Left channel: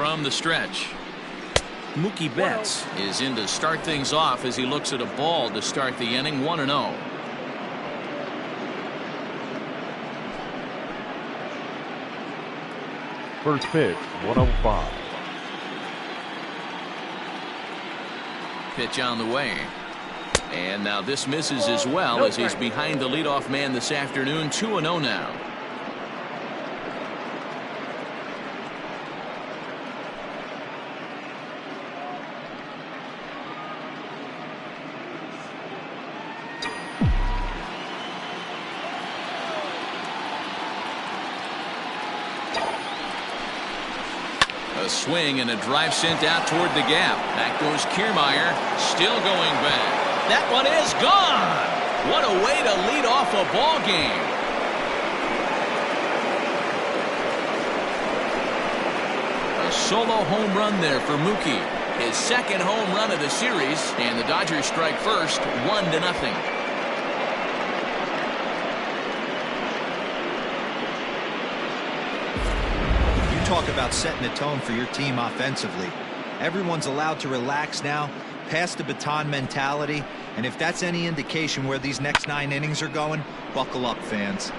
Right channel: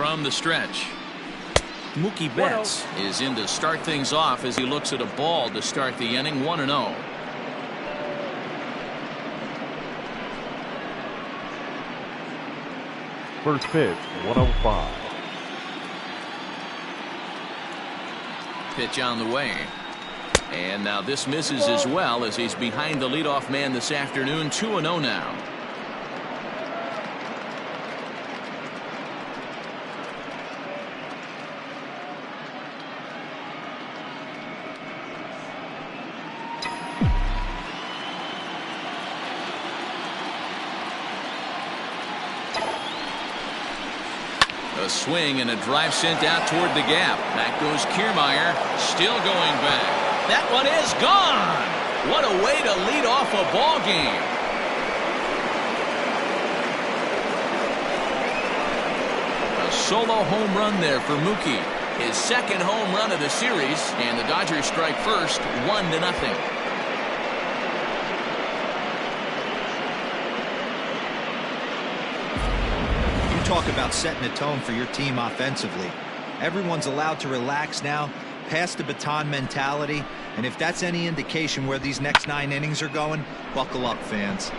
from the stretch. Mookie Betts is in to start things off as he looks at a ball to start the inning. 1-0. First pitch, 105. Pitch on the way. And now this misses as well as he's behind the leadoff man this afternoon. 2-0 now. A swing and a drive sent out toward the gap. Back goes Kiermaier, still going back. That one is gone. What a way to lead off a ball game. A solo home run there for Mookie. His second home run of the series, and the Dodgers strike first, 1-0. Talk about setting the tone for your team offensively. Everyone's allowed to relax now, pass the baton mentality, and if that's any indication where these next 9 innings are going, buckle up, fans.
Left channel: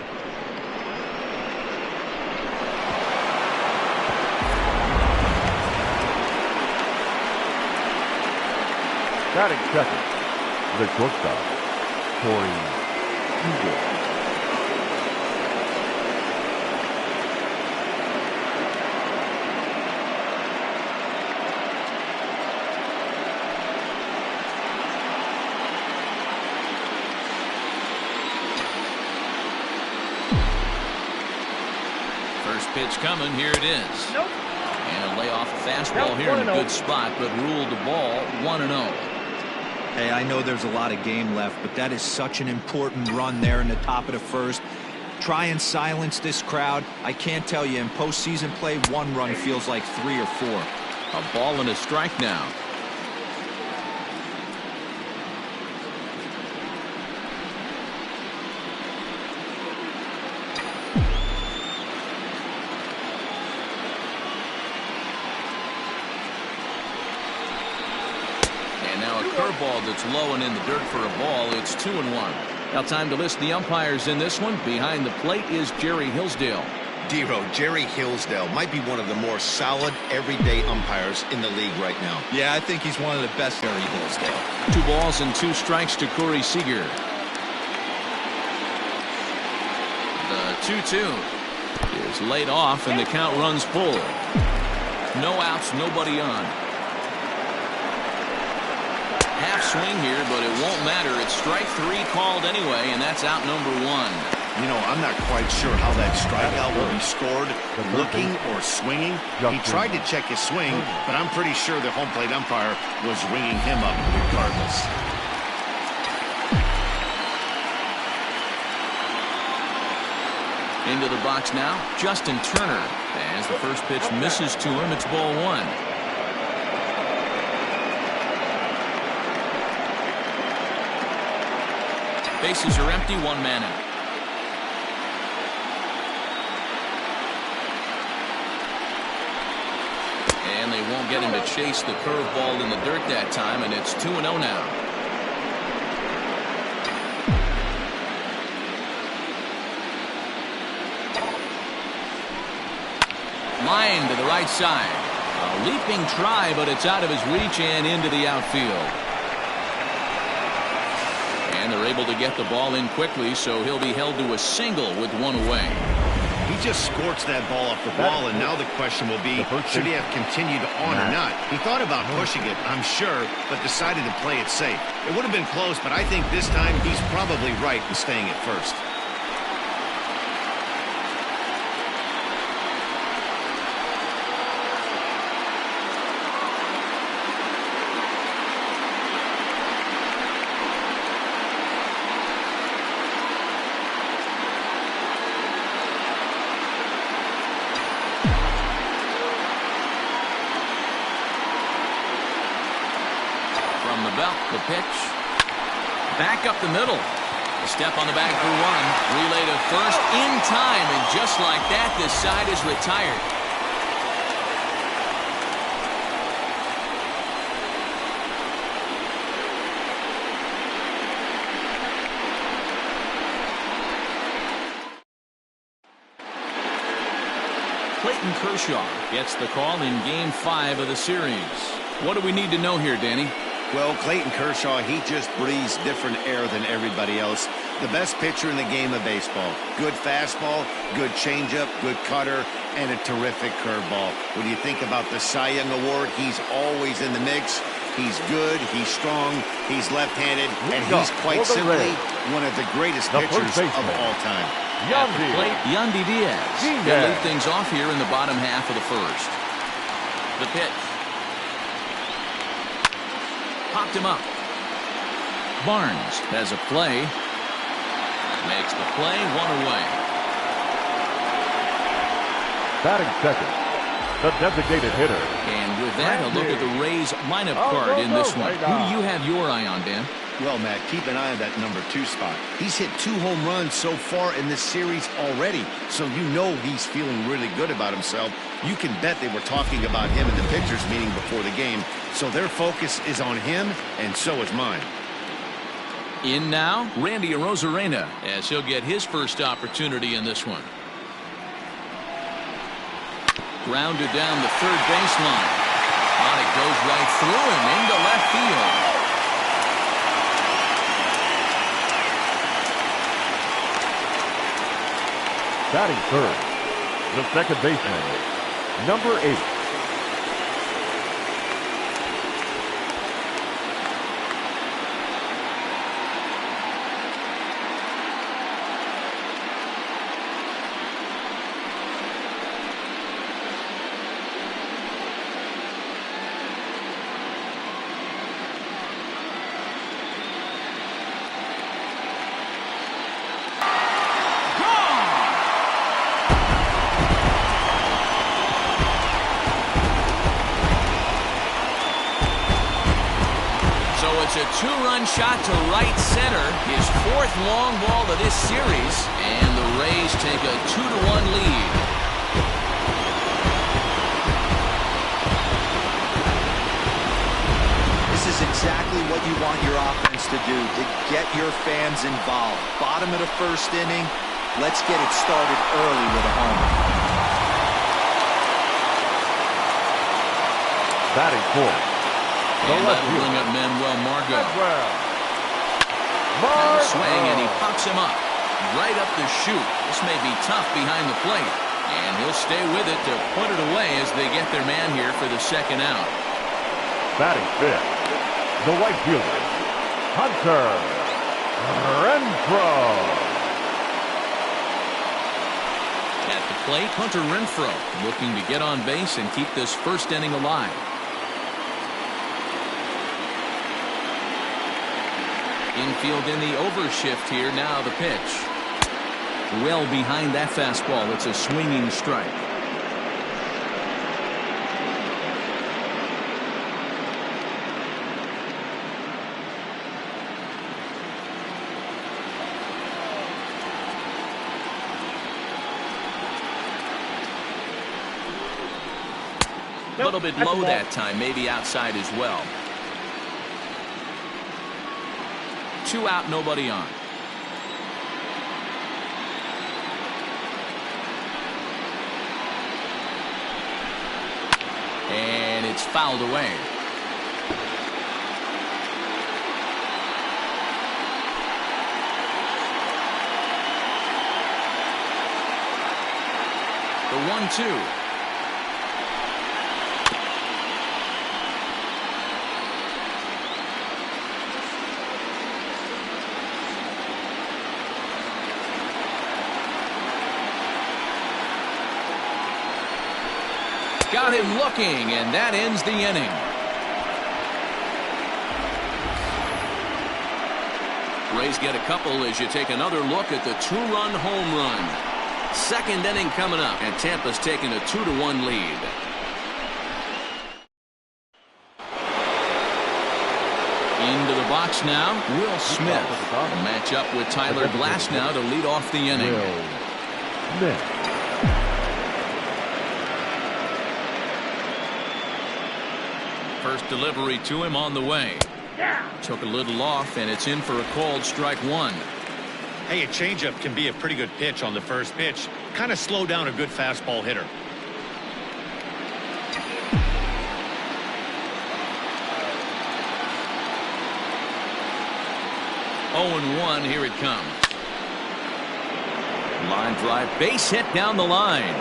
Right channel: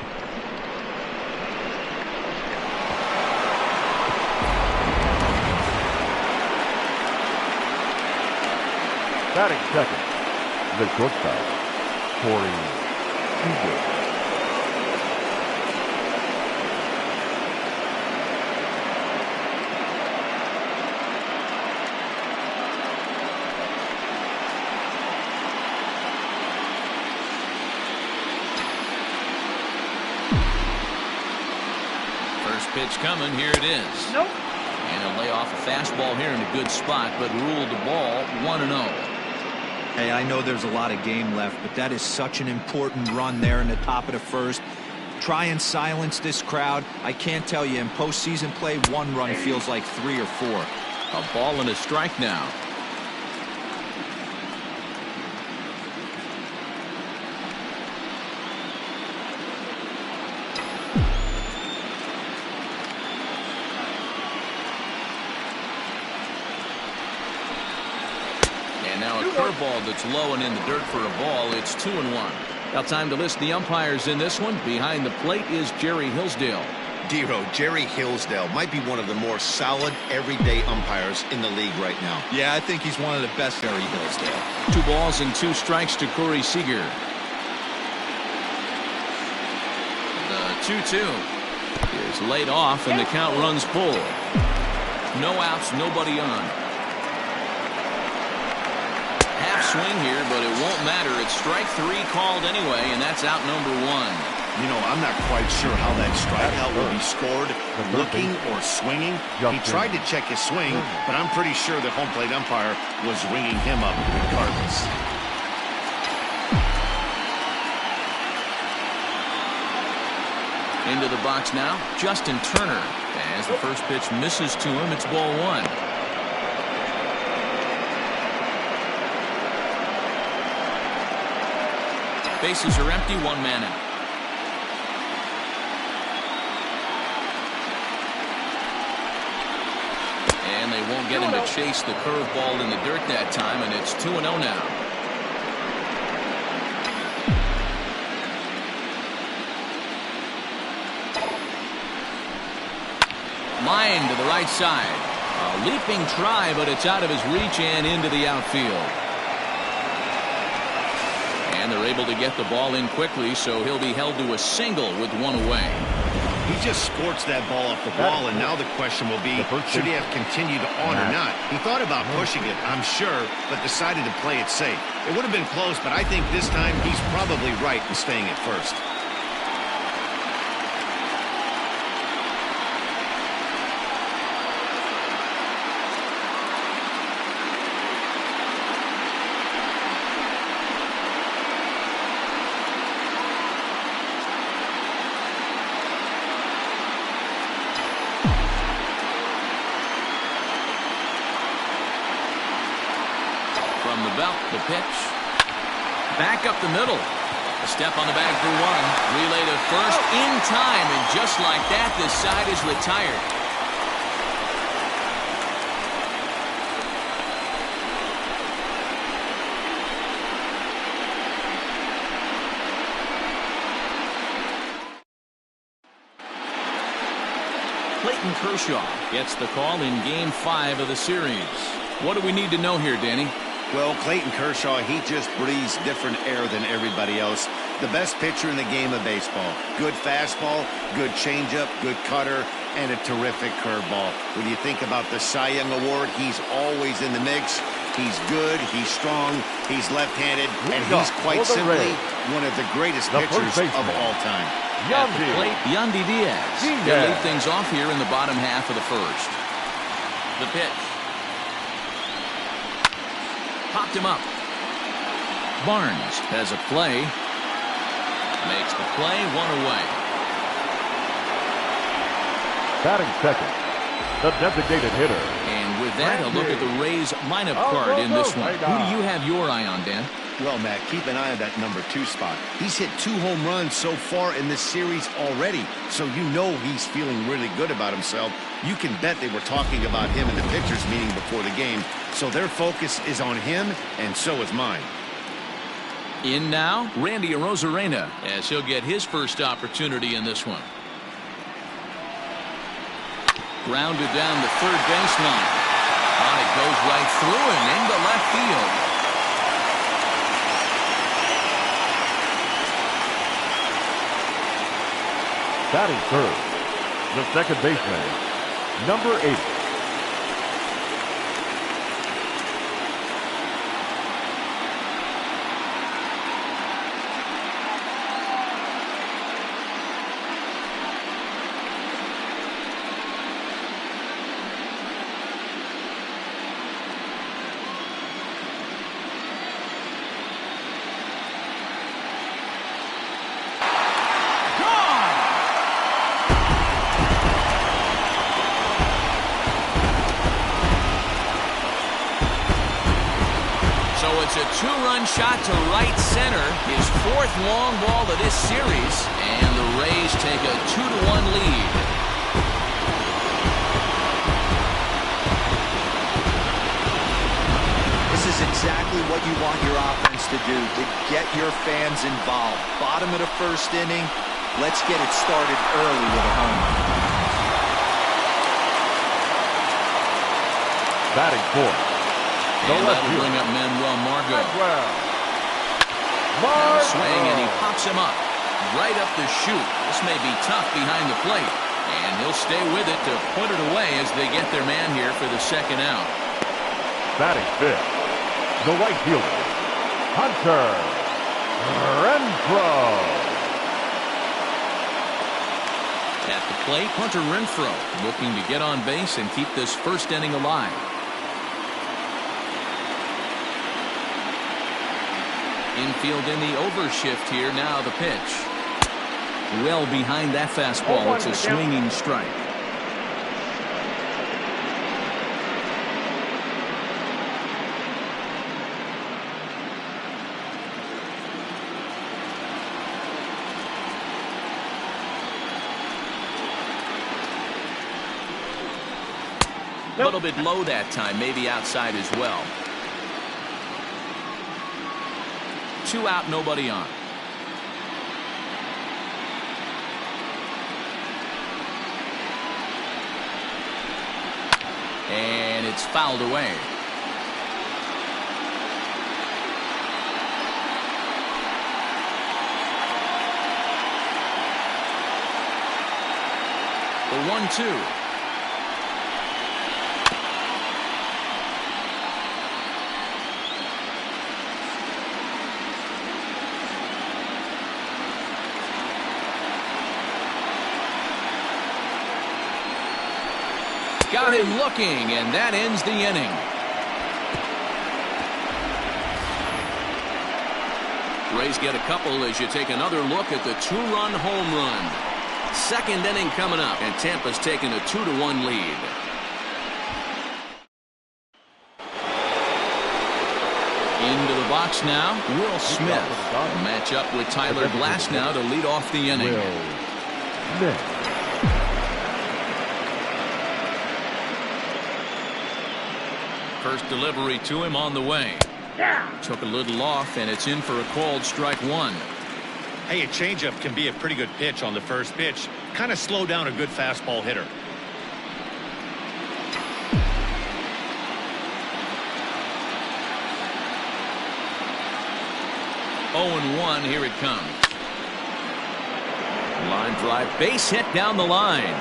Batting second, the shortstop, Corey Seager. First pitch coming. Here it is. Nope. And a lay off a fastball here in a good spot, but ruled the ball. 1-0. Hey, I know there's a lot of game left, but that is such an important run there in the top of the first. Try and silence this crowd. I can't tell you, in postseason play, 1 run feels like 3 or 4. A ball and a strike now. Now a curveball that's low and in the dirt for a ball. It's 2-1. Now time to list the umpires in this one. Behind the plate is Jerry Hillsdale. Dero, Jerry Hillsdale might be one of the more solid everyday umpires in the league right now. Yeah, I think he's one of the best. Jerry Hillsdale. 2 balls and 2 strikes to Corey Seager. The 2-2 is laid off and the count runs full. No outs, nobody on. Half swing here, but it won't matter. It's strike 3 called anyway, and that's out number 1. You know, I'm not quite sure how that strikeout will be scored, looking or swinging. He tried to check his swing, but I'm pretty sure the home plate umpire was ringing him up regardless. Into the box now, Justin Turner. As the first pitch misses to him, it's ball 1. Bases are empty, 1 man out. And they won't get him to chase the curveball in the dirt that time, and it's 2-0 now. Line to the right side. A leaping try, but it's out of his reach and into the outfield. And they're able to get the ball in quickly, so he'll be held to a single with 1 away. He just scorched that ball off the ball, and now the question will be, should he have continued on or not? He thought about pushing it, I'm sure, but decided to play it safe. It would have been close, but I think this time he's probably right in staying at first. From the belt, the pitch. Back up the middle. A step on the bag for 1. Relay to first in time, and just like that, this side is retired. Clayton Kershaw gets the call in Game 5 of the series. What do we need to know here, Danny? Well, Clayton Kershaw, he just breathes different air than everybody else. The best pitcher in the game of baseball. Good fastball, good changeup, good cutter, and a terrific curveball. When you think about the Cy Young Award, he's always in the mix. He's good, he's strong, he's left-handed, and he's quite simply one of the greatest pitchers of all time. At the plate, Yandy Diaz. He'll lead things off here in the bottom half of the first. The pitch. Popped him up. Barnes has a play. Makes the play, 1 away. Batting second, the designated hitter. And with that, a look at the Rays lineup card in this one. Who do you have your eye on, Dan? Well, Matt, keep an eye on that number 2 spot. He's hit 2 home runs so far in this series already, so you know he's feeling really good about himself. You can bet they were talking about him in the pitchers meeting before the game, so their focus is on him, and so is mine. In now, Randy Arozarena, as he'll get his first opportunity in this one. Grounded down the third baseline. It goes right through him into left field. Batting third, the second baseman, number 8. So it's a 2-run shot to right center, his 4th long ball of this series, and the Rays take a 2-1 lead. This is exactly what you want your offense to do, to get your fans involved. Bottom of the first inning, let's get it started early with a homer. Batting fourth. And that'll bring up Manuel Margot. Now a swing, and he pops him up. Right up the chute. This may be tough behind the plate. And he'll stay with it to put it away as they get their man here for the second out. Batting fifth, the right fielder, Hunter Renfroe. At the plate, Hunter Renfroe looking to get on base and keep this first inning alive. Infield in the overshift here. Now the pitch. Well behind that fastball. It's a swinging strike. A little bit low that time, maybe outside as well. 2 out, nobody on. And it's fouled away. The 1-2. Got him looking, and that ends the inning. Rays get a couple as you take another look at the 2-run home run. Second inning coming up, and Tampa's taking a 2-1 lead. Into the box now, Will Smith will match up with Tyler Glasnow to lead off the inning. Will Smith. First delivery to him on the way. Took a little off, and it's in for a called strike 1. Hey, a changeup can be a pretty good pitch on the first pitch. Kind of slow down a good fastball hitter. 0-1, here it comes. Line drive, base hit down the line.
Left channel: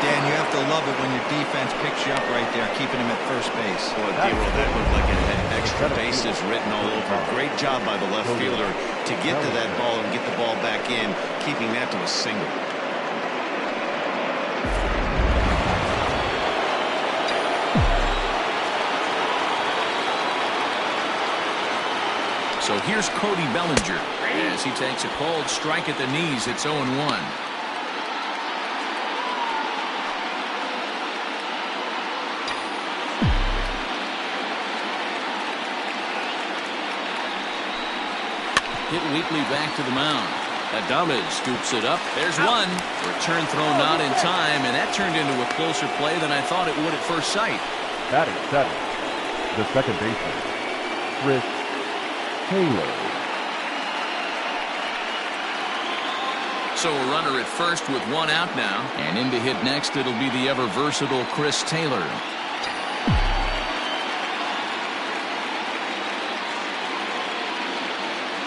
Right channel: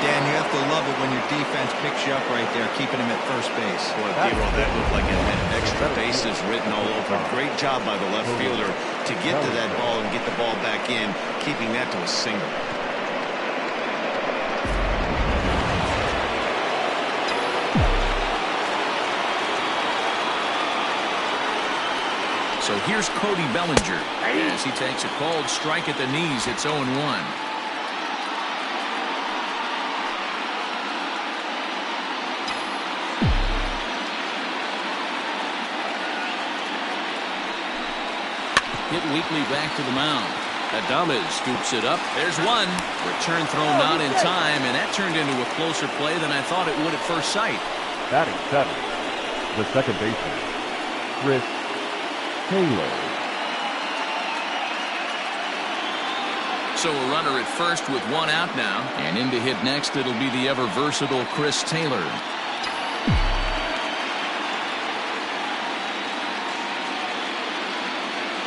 Dan, you have to love it when your defense picks you up right there, keeping him at first base. Boy, D-Roll, that looked like it had extra bases written all over. Great job by the left fielder to get to that ball and get the ball back in, keeping that to a single. So here's Cody Bellinger as he takes a cold strike at the knees. It's 0-1. Hit weakly back to the mound. Adames scoops it up. There's one. Return throw not in time, and that turned into a closer play than I thought it would at first sight. Batting 7, the second baseman, Chris Taylor. So a runner at first with one out now. And in to hit next, it'll be the ever versatile Chris Taylor.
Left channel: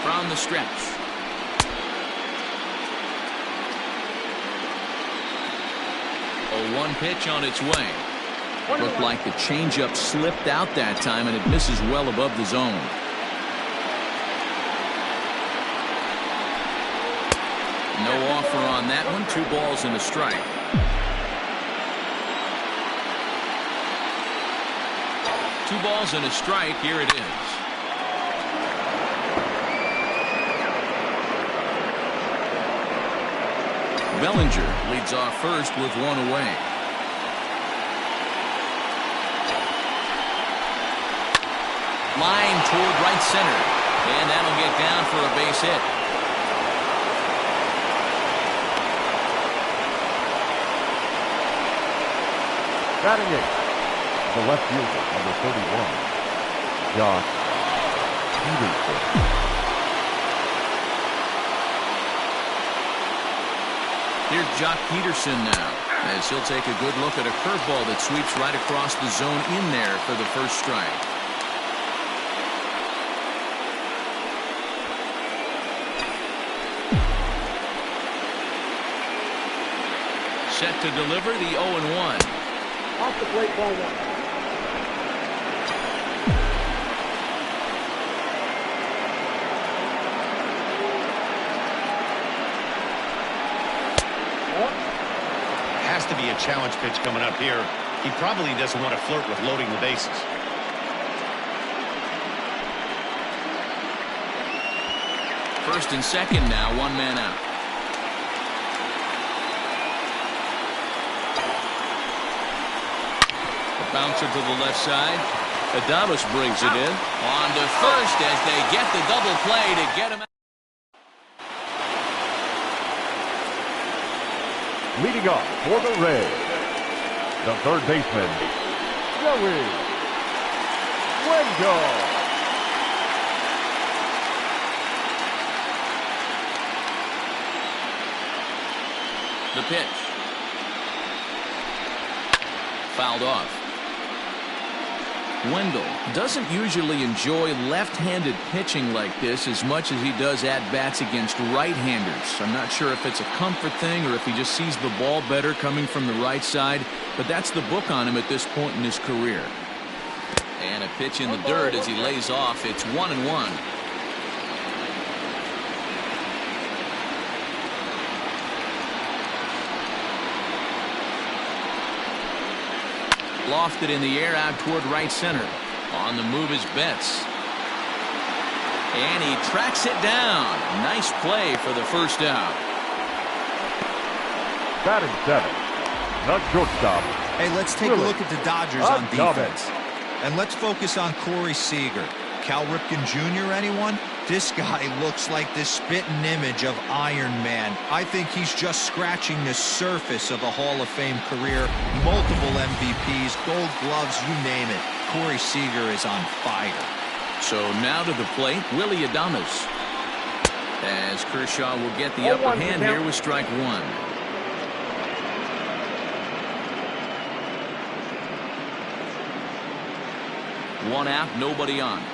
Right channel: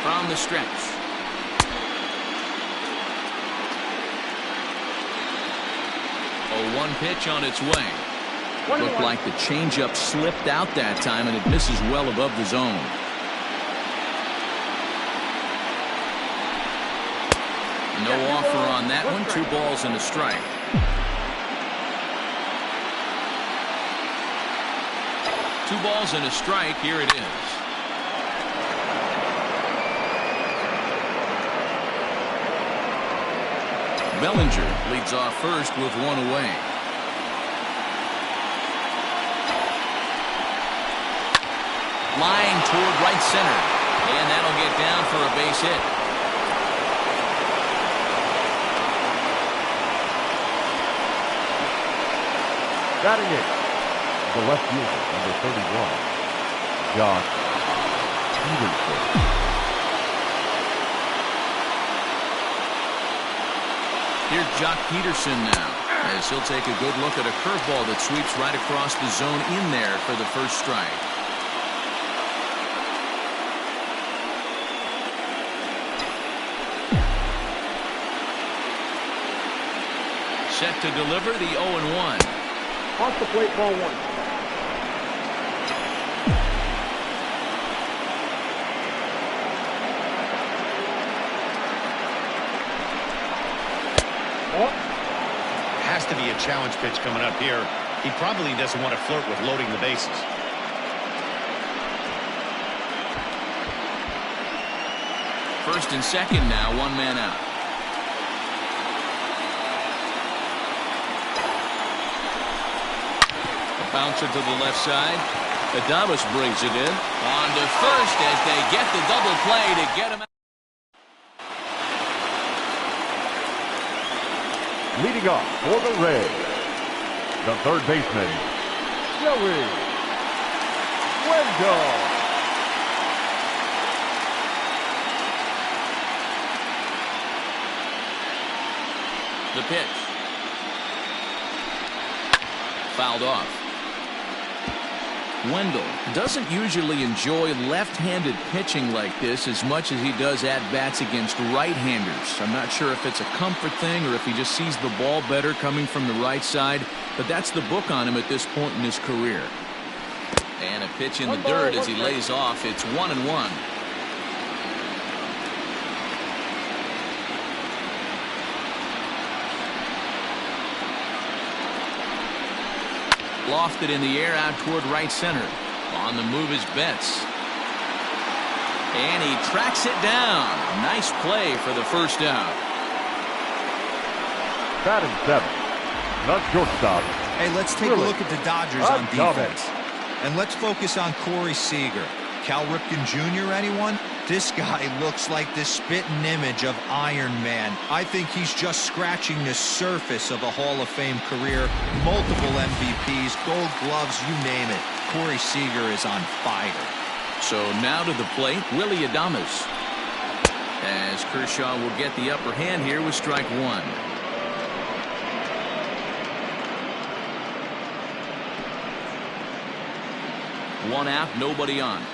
From the stretch. A 1 pitch on its way. Looked like the changeup slipped out that time, and it misses well above the zone. No offer on that one. 2 balls and a strike. Two balls and a strike. Here it is. Bellinger leads off first with one away. Line toward right center, and that'll get down for a base hit. Batting 8, the left fielder, number 31, Josh Peterson. Here's Jock Peterson now, as he'll take a good look at a curveball that sweeps right across the zone in there for the first strike. Set to deliver the 0-1. Off the plate, ball 1. Has to be a challenge pitch coming up here. He probably doesn't want to flirt with loading the bases. First and second now, 1 man out. A bouncer to the left side. Adames brings it in. On to first as they get the double play to get him out. Leading off for the Rays, the third baseman, Joey Wendell. The pitch. Fouled off. Wendell doesn't usually enjoy left-handed pitching like this as much as he does at-bats against right-handers. I'm not sure if it's a comfort thing or if he just sees the ball better coming from the right side, but that's the book on him at this point in his career. And a pitch in the dirt as he lays off. It's 1-1. Lofted in the air out toward right center. On the move is Betts. And he tracks it down. Nice play for the first out. Batting 7, the shortstop. Hey, let's take a look at the Dodgers on defense. And let's focus on Corey Seager. Cal Ripken Jr., anyone? This guy looks like the spitting image of Iron Man. I think he's just scratching the surface of a Hall of Fame career. Multiple MVPs, Gold Gloves, you name it. Corey Seager is on fire. So now to the plate, Willie Adames. As Kershaw will get the upper hand here with strike 1. One out, nobody on.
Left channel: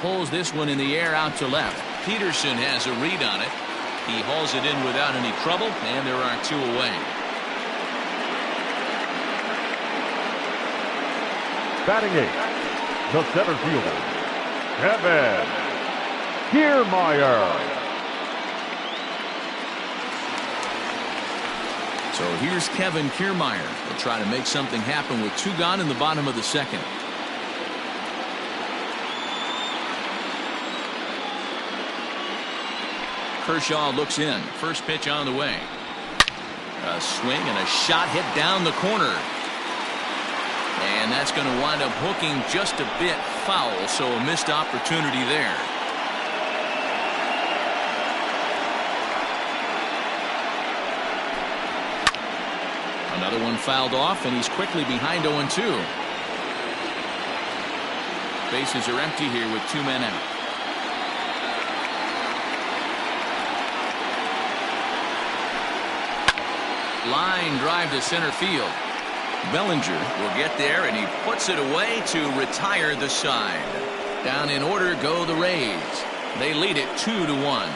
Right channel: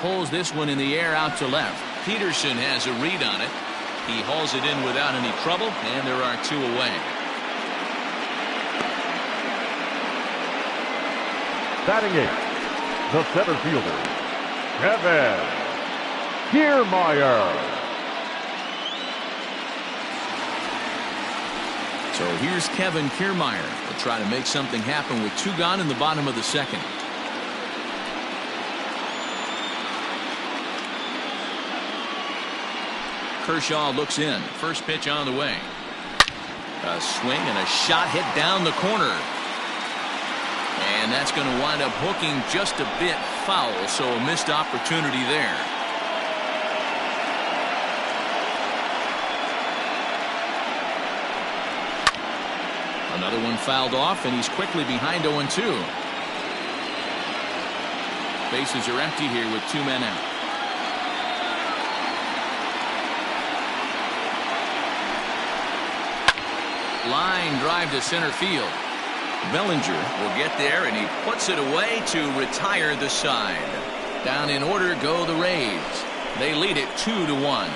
Pulls this one in the air out to left. Peterson has a read on it. He hauls it in without any trouble, and there are 2 away. Batting 8, the center fielder, Kevin Kiermaier. So here's Kevin Kiermaier. He'll try to make something happen with 2 gone in the bottom of the second. Kershaw looks in. First pitch on the way. A swing and a shot hit down the corner. And that's going to wind up hooking just a bit foul, so a missed opportunity there. Another one fouled off, and he's quickly behind 0-2. Bases are empty here with 2 men out. Line drive to center field. Bellinger will get there, and he puts it away to retire the side. Down in order go the Rays. They lead it 2-1.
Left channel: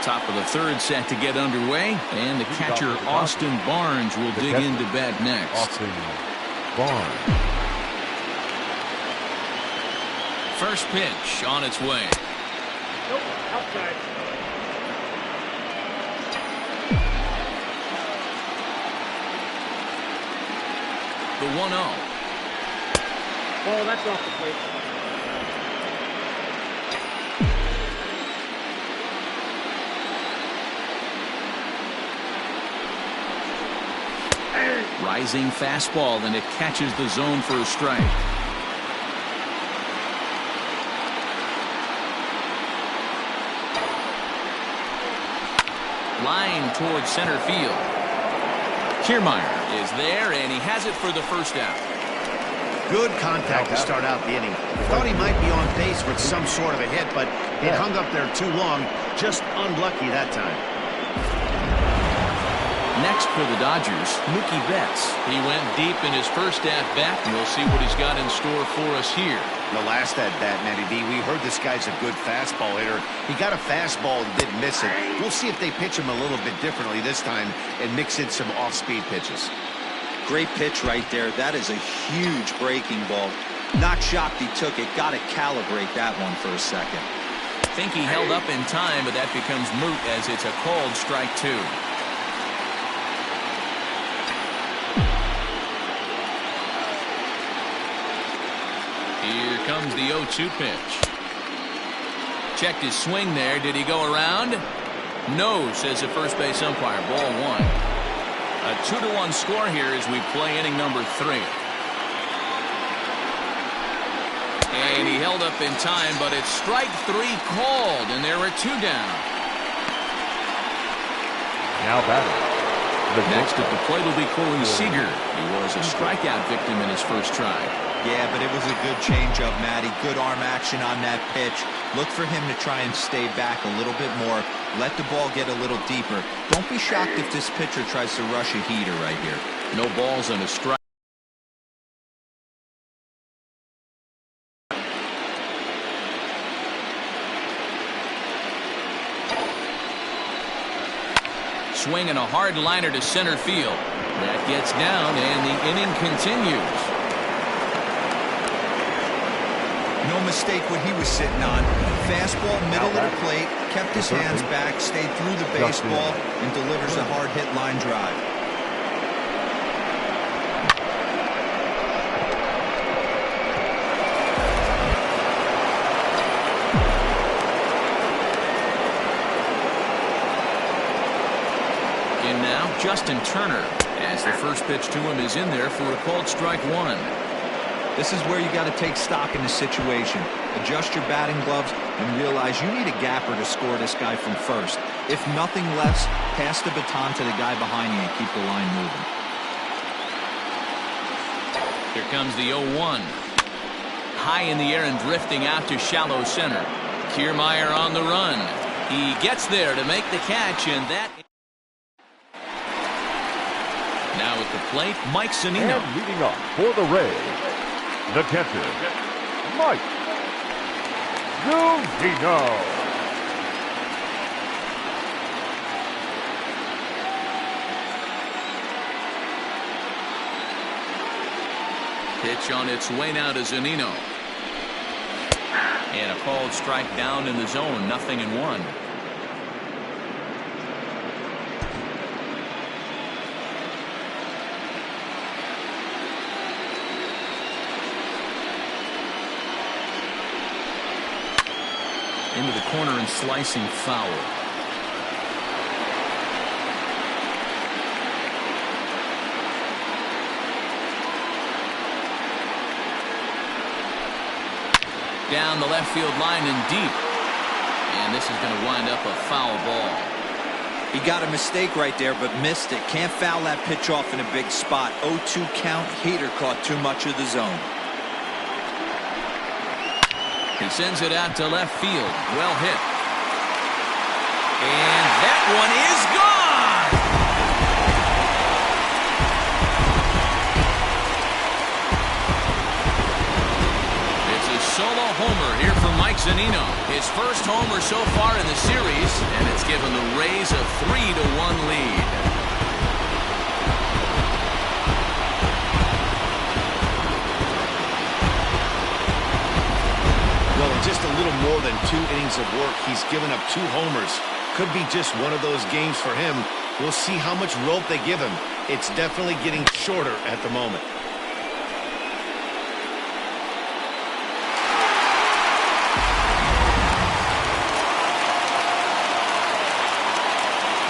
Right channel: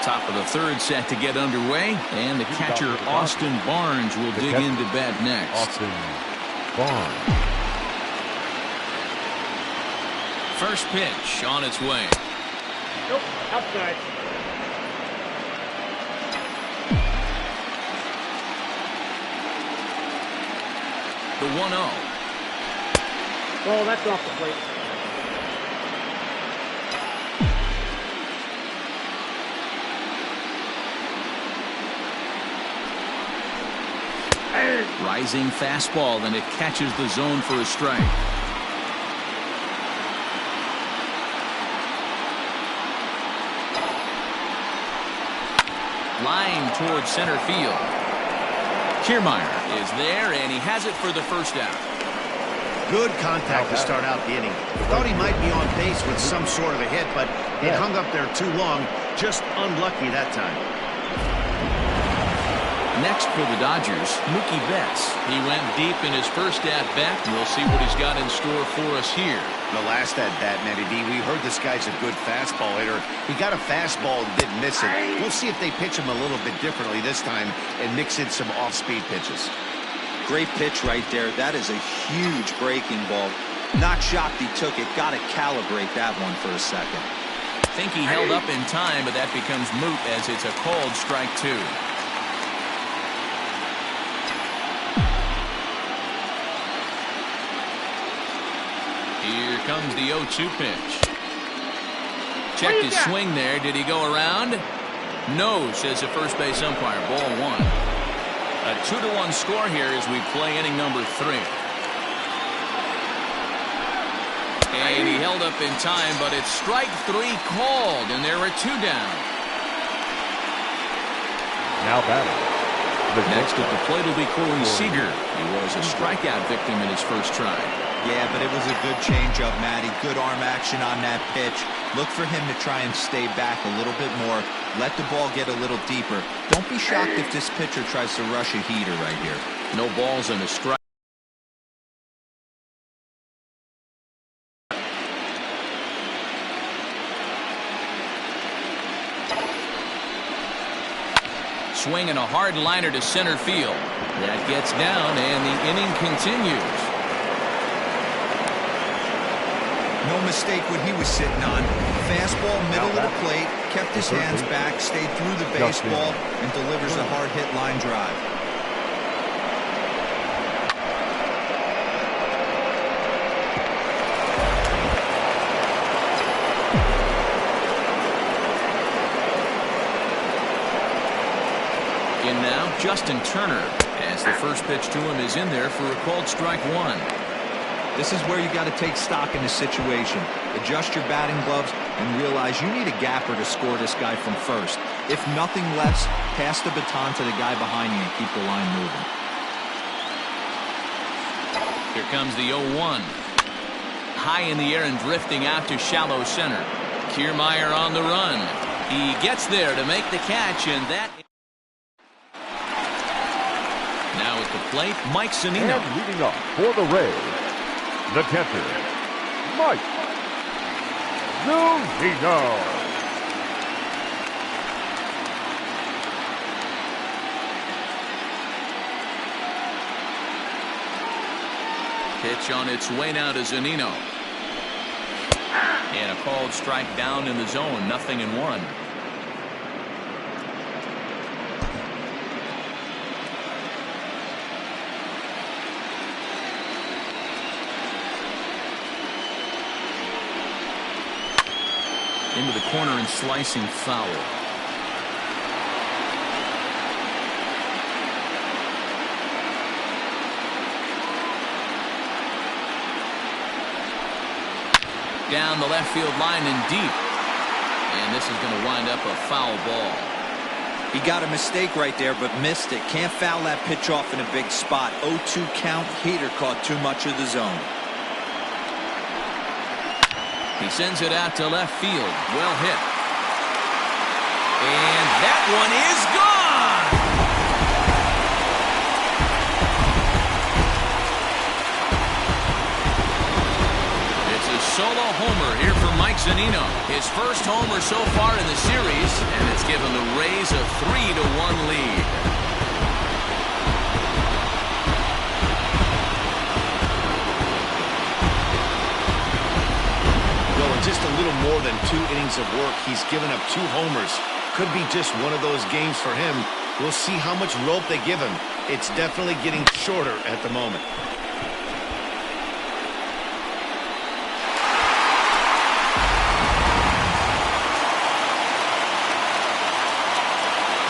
Top of the third set to get underway, and the catcher Austin Barnes will dig into bat next. Austin Barnes. First pitch on its way. Nope, outside. The 1-0. Oh, that's off the plate. Rising fastball, and it catches the zone for a strike. Line towards center field. Kiermaier is there, and he has it for the first out. Good contact to start out the inning. Thought he might be on base with some sort of a hit, but it hung up there too long. Just unlucky that time. Next for the Dodgers, Mookie Betts. He went deep in his first at-bat. We'll see what he's got in store for us here. The last at-bat, Matty D, we heard this guy's a good fastball hitter. He got a fastball and didn't miss it. We'll see if they pitch him a little bit differently this time and mix in some off-speed pitches. Great pitch right there. That is a huge breaking ball. Not shocked he took it. Got to calibrate that one for a second. Think he held up in time, but that becomes moot as it's a called strike 2. Here comes the 0-2 pitch. Checked his swing there. Did he go around? No, says the first base umpire. Ball 1. A 2-1 score here as we play inning number 3. And he held up in time, but it's strike 3 called, and there are 2 down. Now batting. Next at the plate will be Corey Seager. He was a strikeout victim in his first try. Yeah, but it was a good changeup, Matty. Good arm action on that pitch. Look for him to try and stay back a little bit more. Let the ball get a little deeper. Don't be shocked if this pitcher tries to rush a heater right here. No balls and a strike. Swinging a hard liner to center field. That gets down, and the inning continues. No mistake what he was sitting on. Fastball, middle of the plate, kept his hands back, stayed through the baseball, and delivers a hard hit line drive. In now, Justin Turner, as the first pitch to him is in there for a called strike 1. This is where you got to take stock in the situation. Adjust your batting gloves and realize you need a gapper to score this guy from first. If nothing less, pass the baton to the guy behind you and keep the line moving. Here comes the 0-1. high in the air and drifting out to shallow center. Kiermaier on the run. He gets there to make the catch, and that. Now at the plate, Mike Zunino. And leading off for the Rays, the catcher, Mike Zunino. Pitch on its way now to Zunino. And a called strike down in the zone, 0-1. Into the corner and slicing foul. Down the left field line and deep. And this is going to wind up a foul ball. He got a mistake right there, but missed it. Can't foul that pitch off in a big spot. 0-2 count. Heater caught too much of the zone. He sends it out to left field. Well hit. And that one is gone. It's a solo homer here for Mike Zunino. His first homer so far in the series, and it's given the Rays a 3-1 lead. Well, in just a little more than 2 innings of work, he's given up 2 homers. Could be just one of those games for him. We'll see how much rope they give him. It's definitely getting shorter at the moment.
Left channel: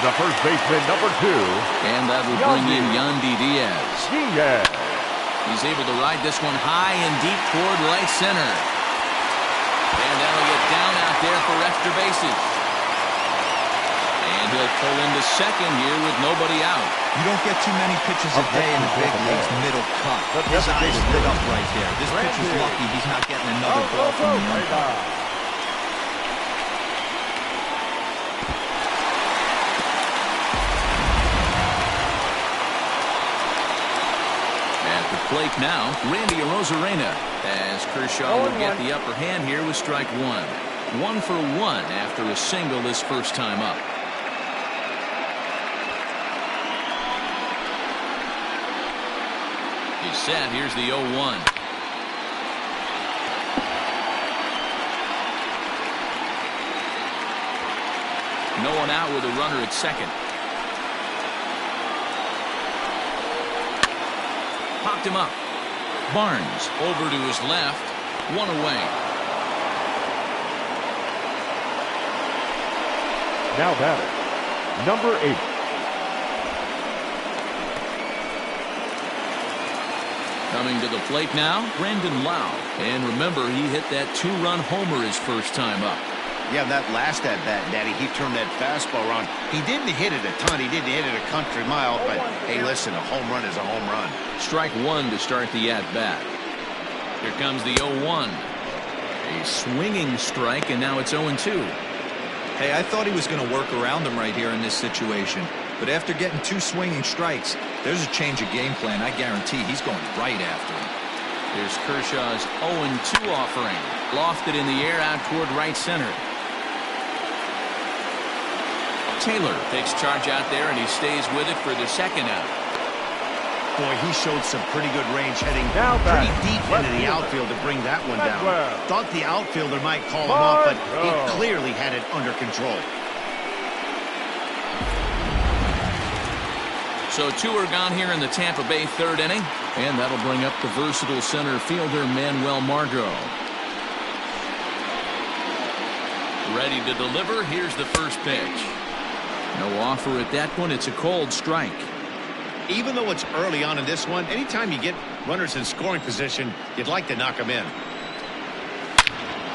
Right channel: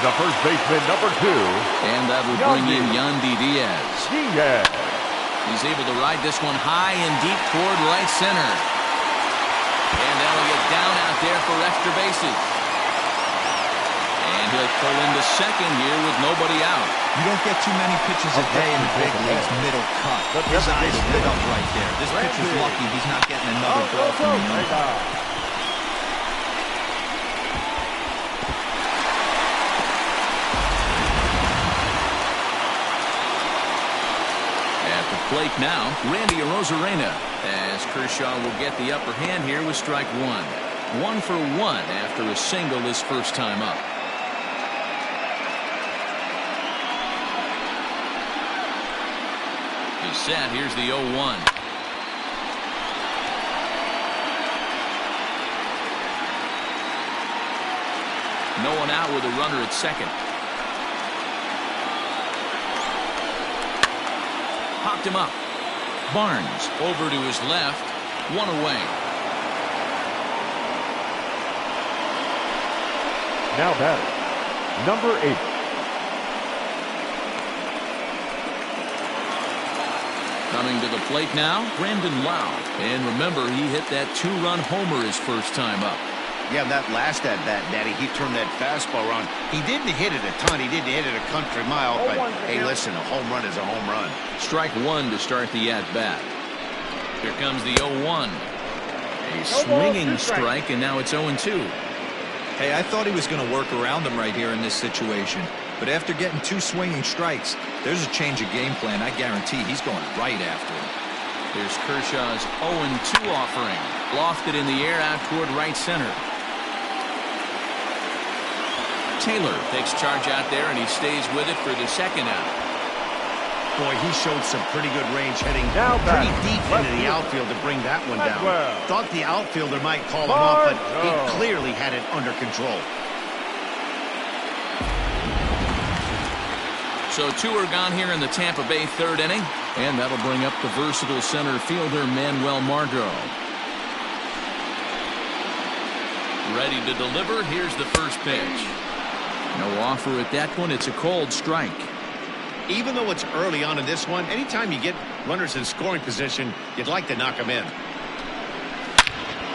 The first baseman, number 2. And that will bring in Yandy Diaz. He's able to ride this one high and deep toward right center. And that'll get down out there for extra bases. And he'll pull into second here with nobody out. You don't get too many pitches a day in the big leagues, middle cut. His eyes lit up right there. This pitcher's lucky he's not getting another ball from the umpire. At the plate now, Randy Arozarena, as Kershaw will get the upper hand here with strike 1. 1 for 1 after a single his first time up. He's set. Here's the 0-1. No one out with a runner at second. Popped him up. Barnes over to his left. 1 away. Now batting, number 8. Coming to the plate now, Brandon Lau. And remember, he hit that 2-run homer his first time up. Yeah, that last at-bat, Daddy, he turned that fastball around. He didn't hit it a ton. He didn't hit it a country mile. But, hey, listen, a home run is a home run. Strike 1 to start the at-bat. Here comes the 0-1. A swinging strike, and now it's 0-2. Hey, I thought he was going to work around him right here in this situation. But after getting 2 swinging strikes, there's a change of game plan. I guarantee he's going right after him. Here's Kershaw's 0-2 offering. Lofted in the air out toward right center. Taylor takes charge out there, and he stays with it for the second out. Boy, he showed some pretty good range heading Now pretty back. deep Left into the fielder. outfield to bring that one down. Well. Thought the outfielder might call him off, but he Margot. clearly had it under control. So 2 are gone here in the Tampa Bay 3rd inning, and that'll bring up the versatile center fielder Manuel Margot. Ready to deliver. Here's the first pitch. No offer at that one. It's a cold strike. Even though it's early on in this one, anytime you get runners in scoring position, you'd like to knock them in.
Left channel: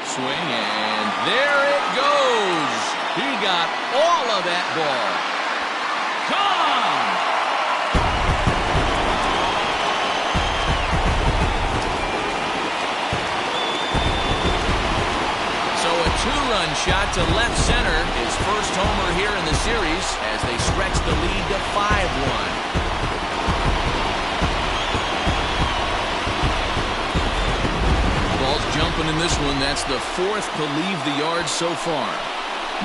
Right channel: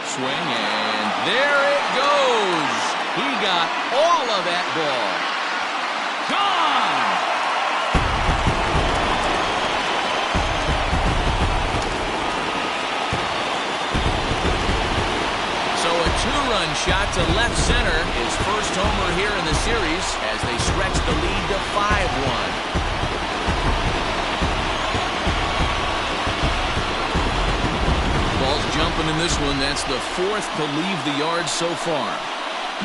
Swing, and there it goes. He got all of that ball. Gone! 2-run shot to left center. His first homer here in the series as they stretch the lead to 5-1. Ball's jumping in this one. That's the 4th to leave the yard so far.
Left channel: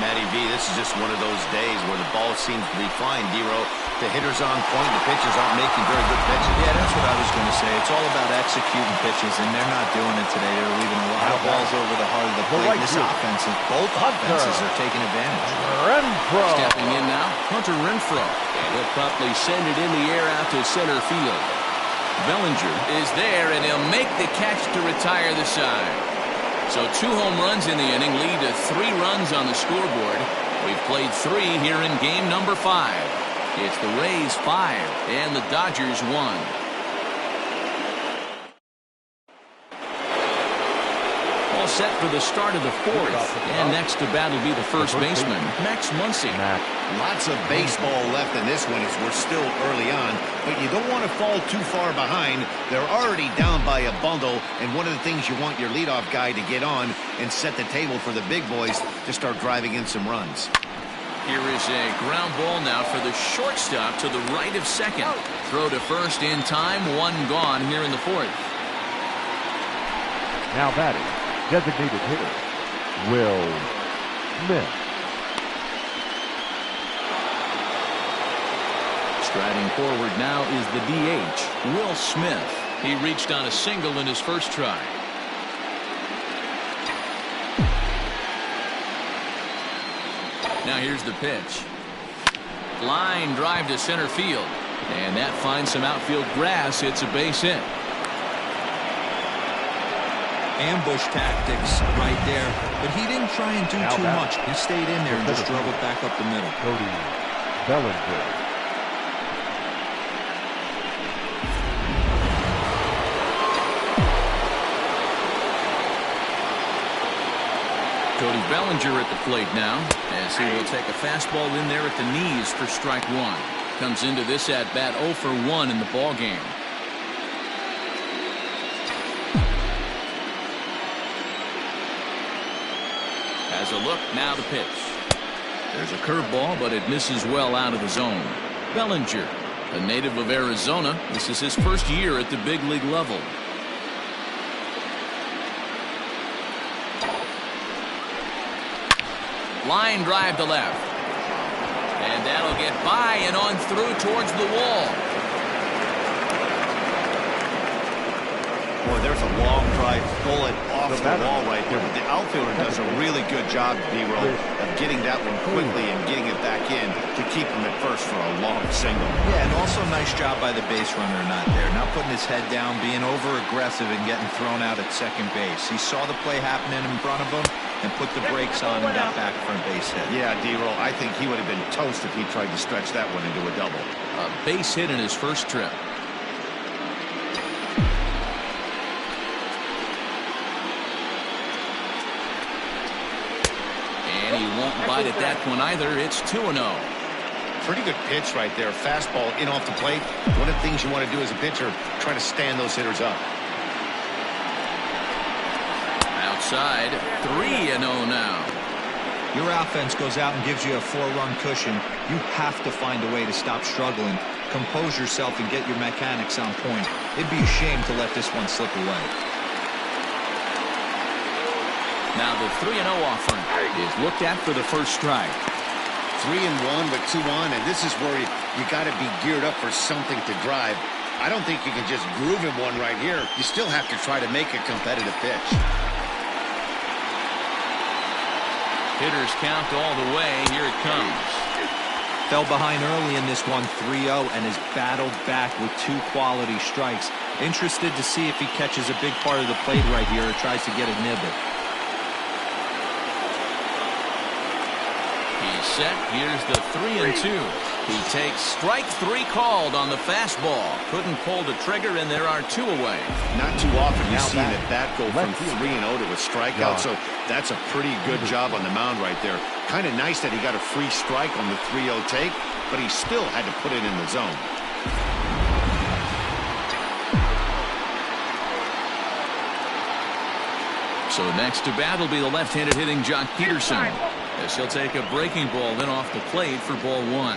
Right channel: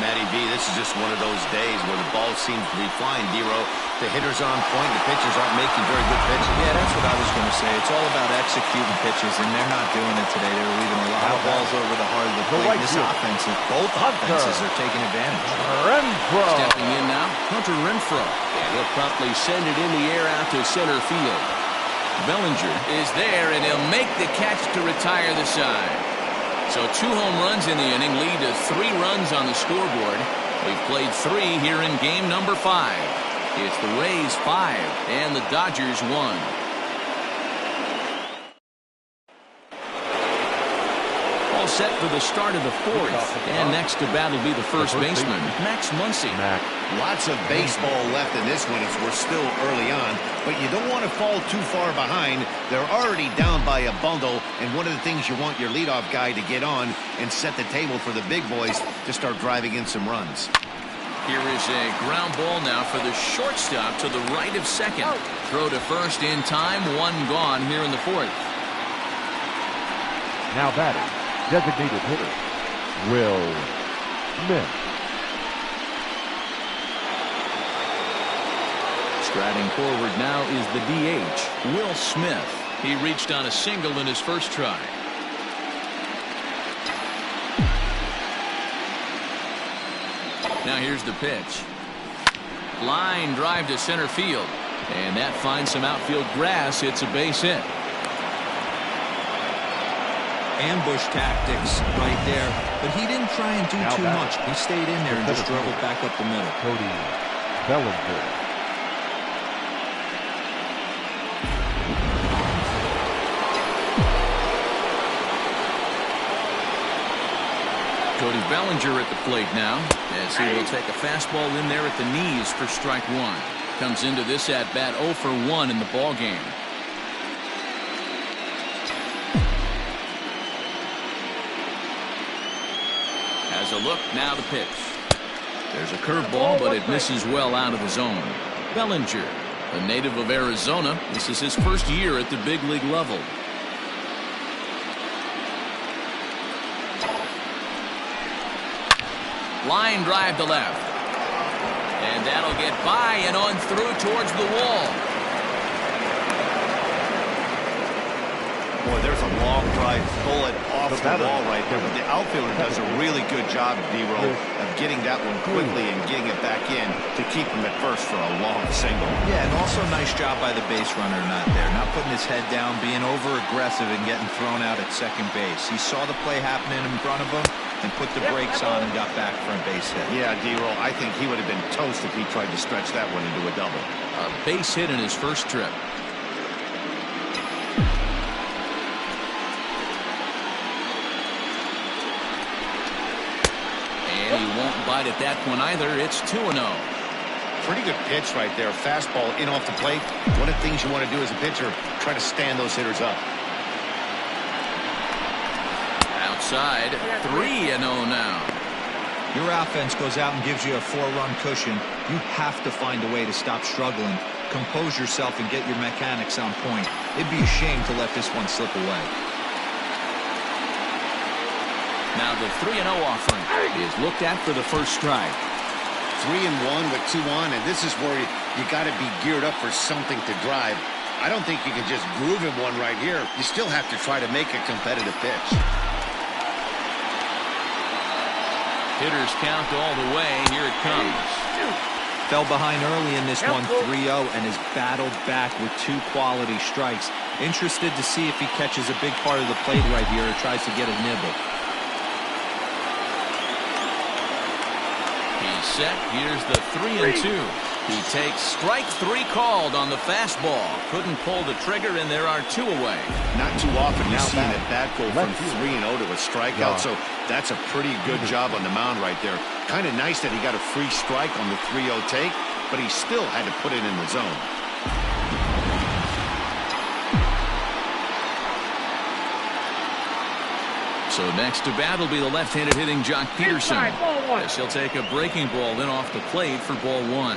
Matty V, this is just one of those days where the ball seems to be flying, D-Row. The hitters are on point. The pitchers aren't making very good pitches. Yeah, that's what I was going to say. It's all about executing pitches, and they're not doing it today. They're leaving a lot of balls over the heart of the plate. This offense, both offenses are taking advantage. Renfroe. Stepping in now, Hunter Renfroe. And he'll promptly send it in the air out to center field. Bellinger is there, and he'll make the catch to retire the side. So 2 home runs in the inning lead to 3 runs on the scoreboard. We've played 3 here in game number 5. It's the Rays 5 and the Dodgers 1. All set for the start of the 4th. And next to bat will be the first baseman, Max Muncy. Lots of baseball left in this one as we're still early on, but you don't want to fall too far behind. They're already down by a bundle, and one of the things you want your leadoff guy to get on and set the table for the big boys to start driving in some runs. Here is a ground ball now for the shortstop to the right of second. Throw to first in time. 1 gone here in the 4th. Now batting, designated hitter, Will Smith. Striding forward now is the DH, Will Smith. He reached on a single in his first try. Now here's the pitch. Line drive to center field. And that finds some outfield grass. It's a base hit. Ambush tactics right there, but he didn't try and do too much. He stayed in there and just drove it back up the middle. Cody Bellinger. Cody Bellinger at the plate now as he will take a fastball in there at the knees for strike 1. Comes into this at bat 0 for 1 in the ball game. Has a look, now the pitch. There's a curveball, but it misses well out of the zone. Bellinger, a native of Arizona. This is his first year at the big league level. Line drive to left. And that'll get by and on through towards the wall. Boy, there's a long drive bullet off the wall right there, but the outfielder does a really good job, D-Row, of getting that one quickly and getting it back in to keep him at first for a long single. Yeah, and also nice job by the base runner not there, not putting his head down, being over aggressive and getting thrown out at second base. He saw the play happening in front of him and put the brakes on and got back for a base hit. Yeah, D-Row, I think he would have been toast if he tried to stretch that one into a double. A base hit in his first trip. And he won't bite at that one either. It's 2-0. Pretty good pitch right there. Fastball in off the plate. One of the things you want to do as a pitcher, try to stand those hitters up. Outside, 3-0 now. Your offense goes out and gives you a 4-run cushion. You have to find a way to stop struggling, compose yourself, and get your mechanics on point. It'd be a shame to let this one slip away. Now the 3-0 offering is looked at for the first strike. 3-1 with 2 on, and this is where you got to be geared up for something to drive. I don't think you can just groove him one right here. You still have to try to make a competitive pitch. Hitters count all the way. Here it comes. Fell behind early in this one, 3-0, and has battled back with 2 quality strikes. Interested to see if he catches a big part of the plate right here or tries to get a nibble. He's set. Here's the 3-2. He takes strike 3 called on the fastball. Couldn't pull the trigger, and there are 2 away. Not too often you see an at-bat go from 3-0 to a strikeout, so that's a pretty good job on the mound right there. Kind of nice that he got a free strike on the 3-0 take, but he still had to put it in the zone. So next to bat will be the left-handed hitting Jock Peterson, as he'll take a breaking ball in off the plate for ball one.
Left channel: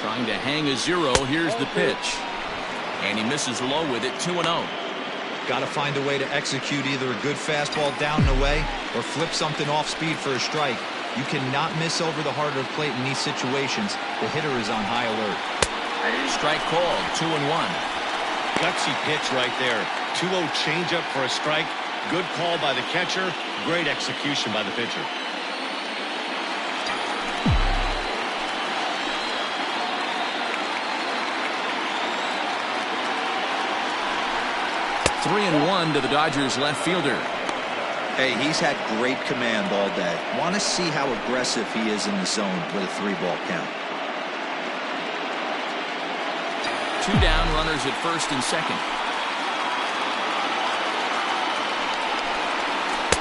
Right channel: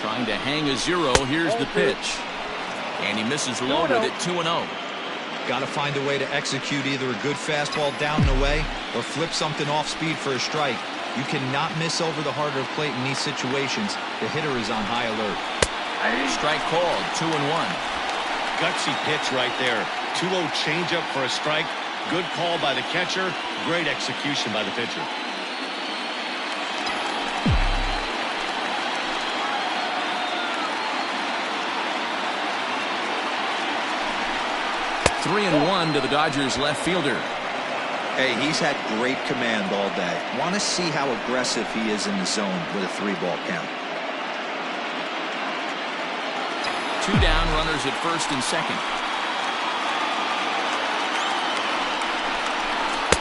Trying to hang a zero. Here's the pitch. And he misses low with it. 2-0. Got to find a way to execute either a good fastball down and away or flip something off speed for a strike. You cannot miss over the heart of the plate in these situations. The hitter is on high alert. Strike called. 2-1. Gutsy pitch right there. 2-0 changeup for a strike. Good call by the catcher. Great execution by the pitcher. 3-1 to the Dodgers left fielder. Hey, he's had great command all day. Want to see how aggressive he is in the zone with a 3-ball count. 2 down, runners at first and second.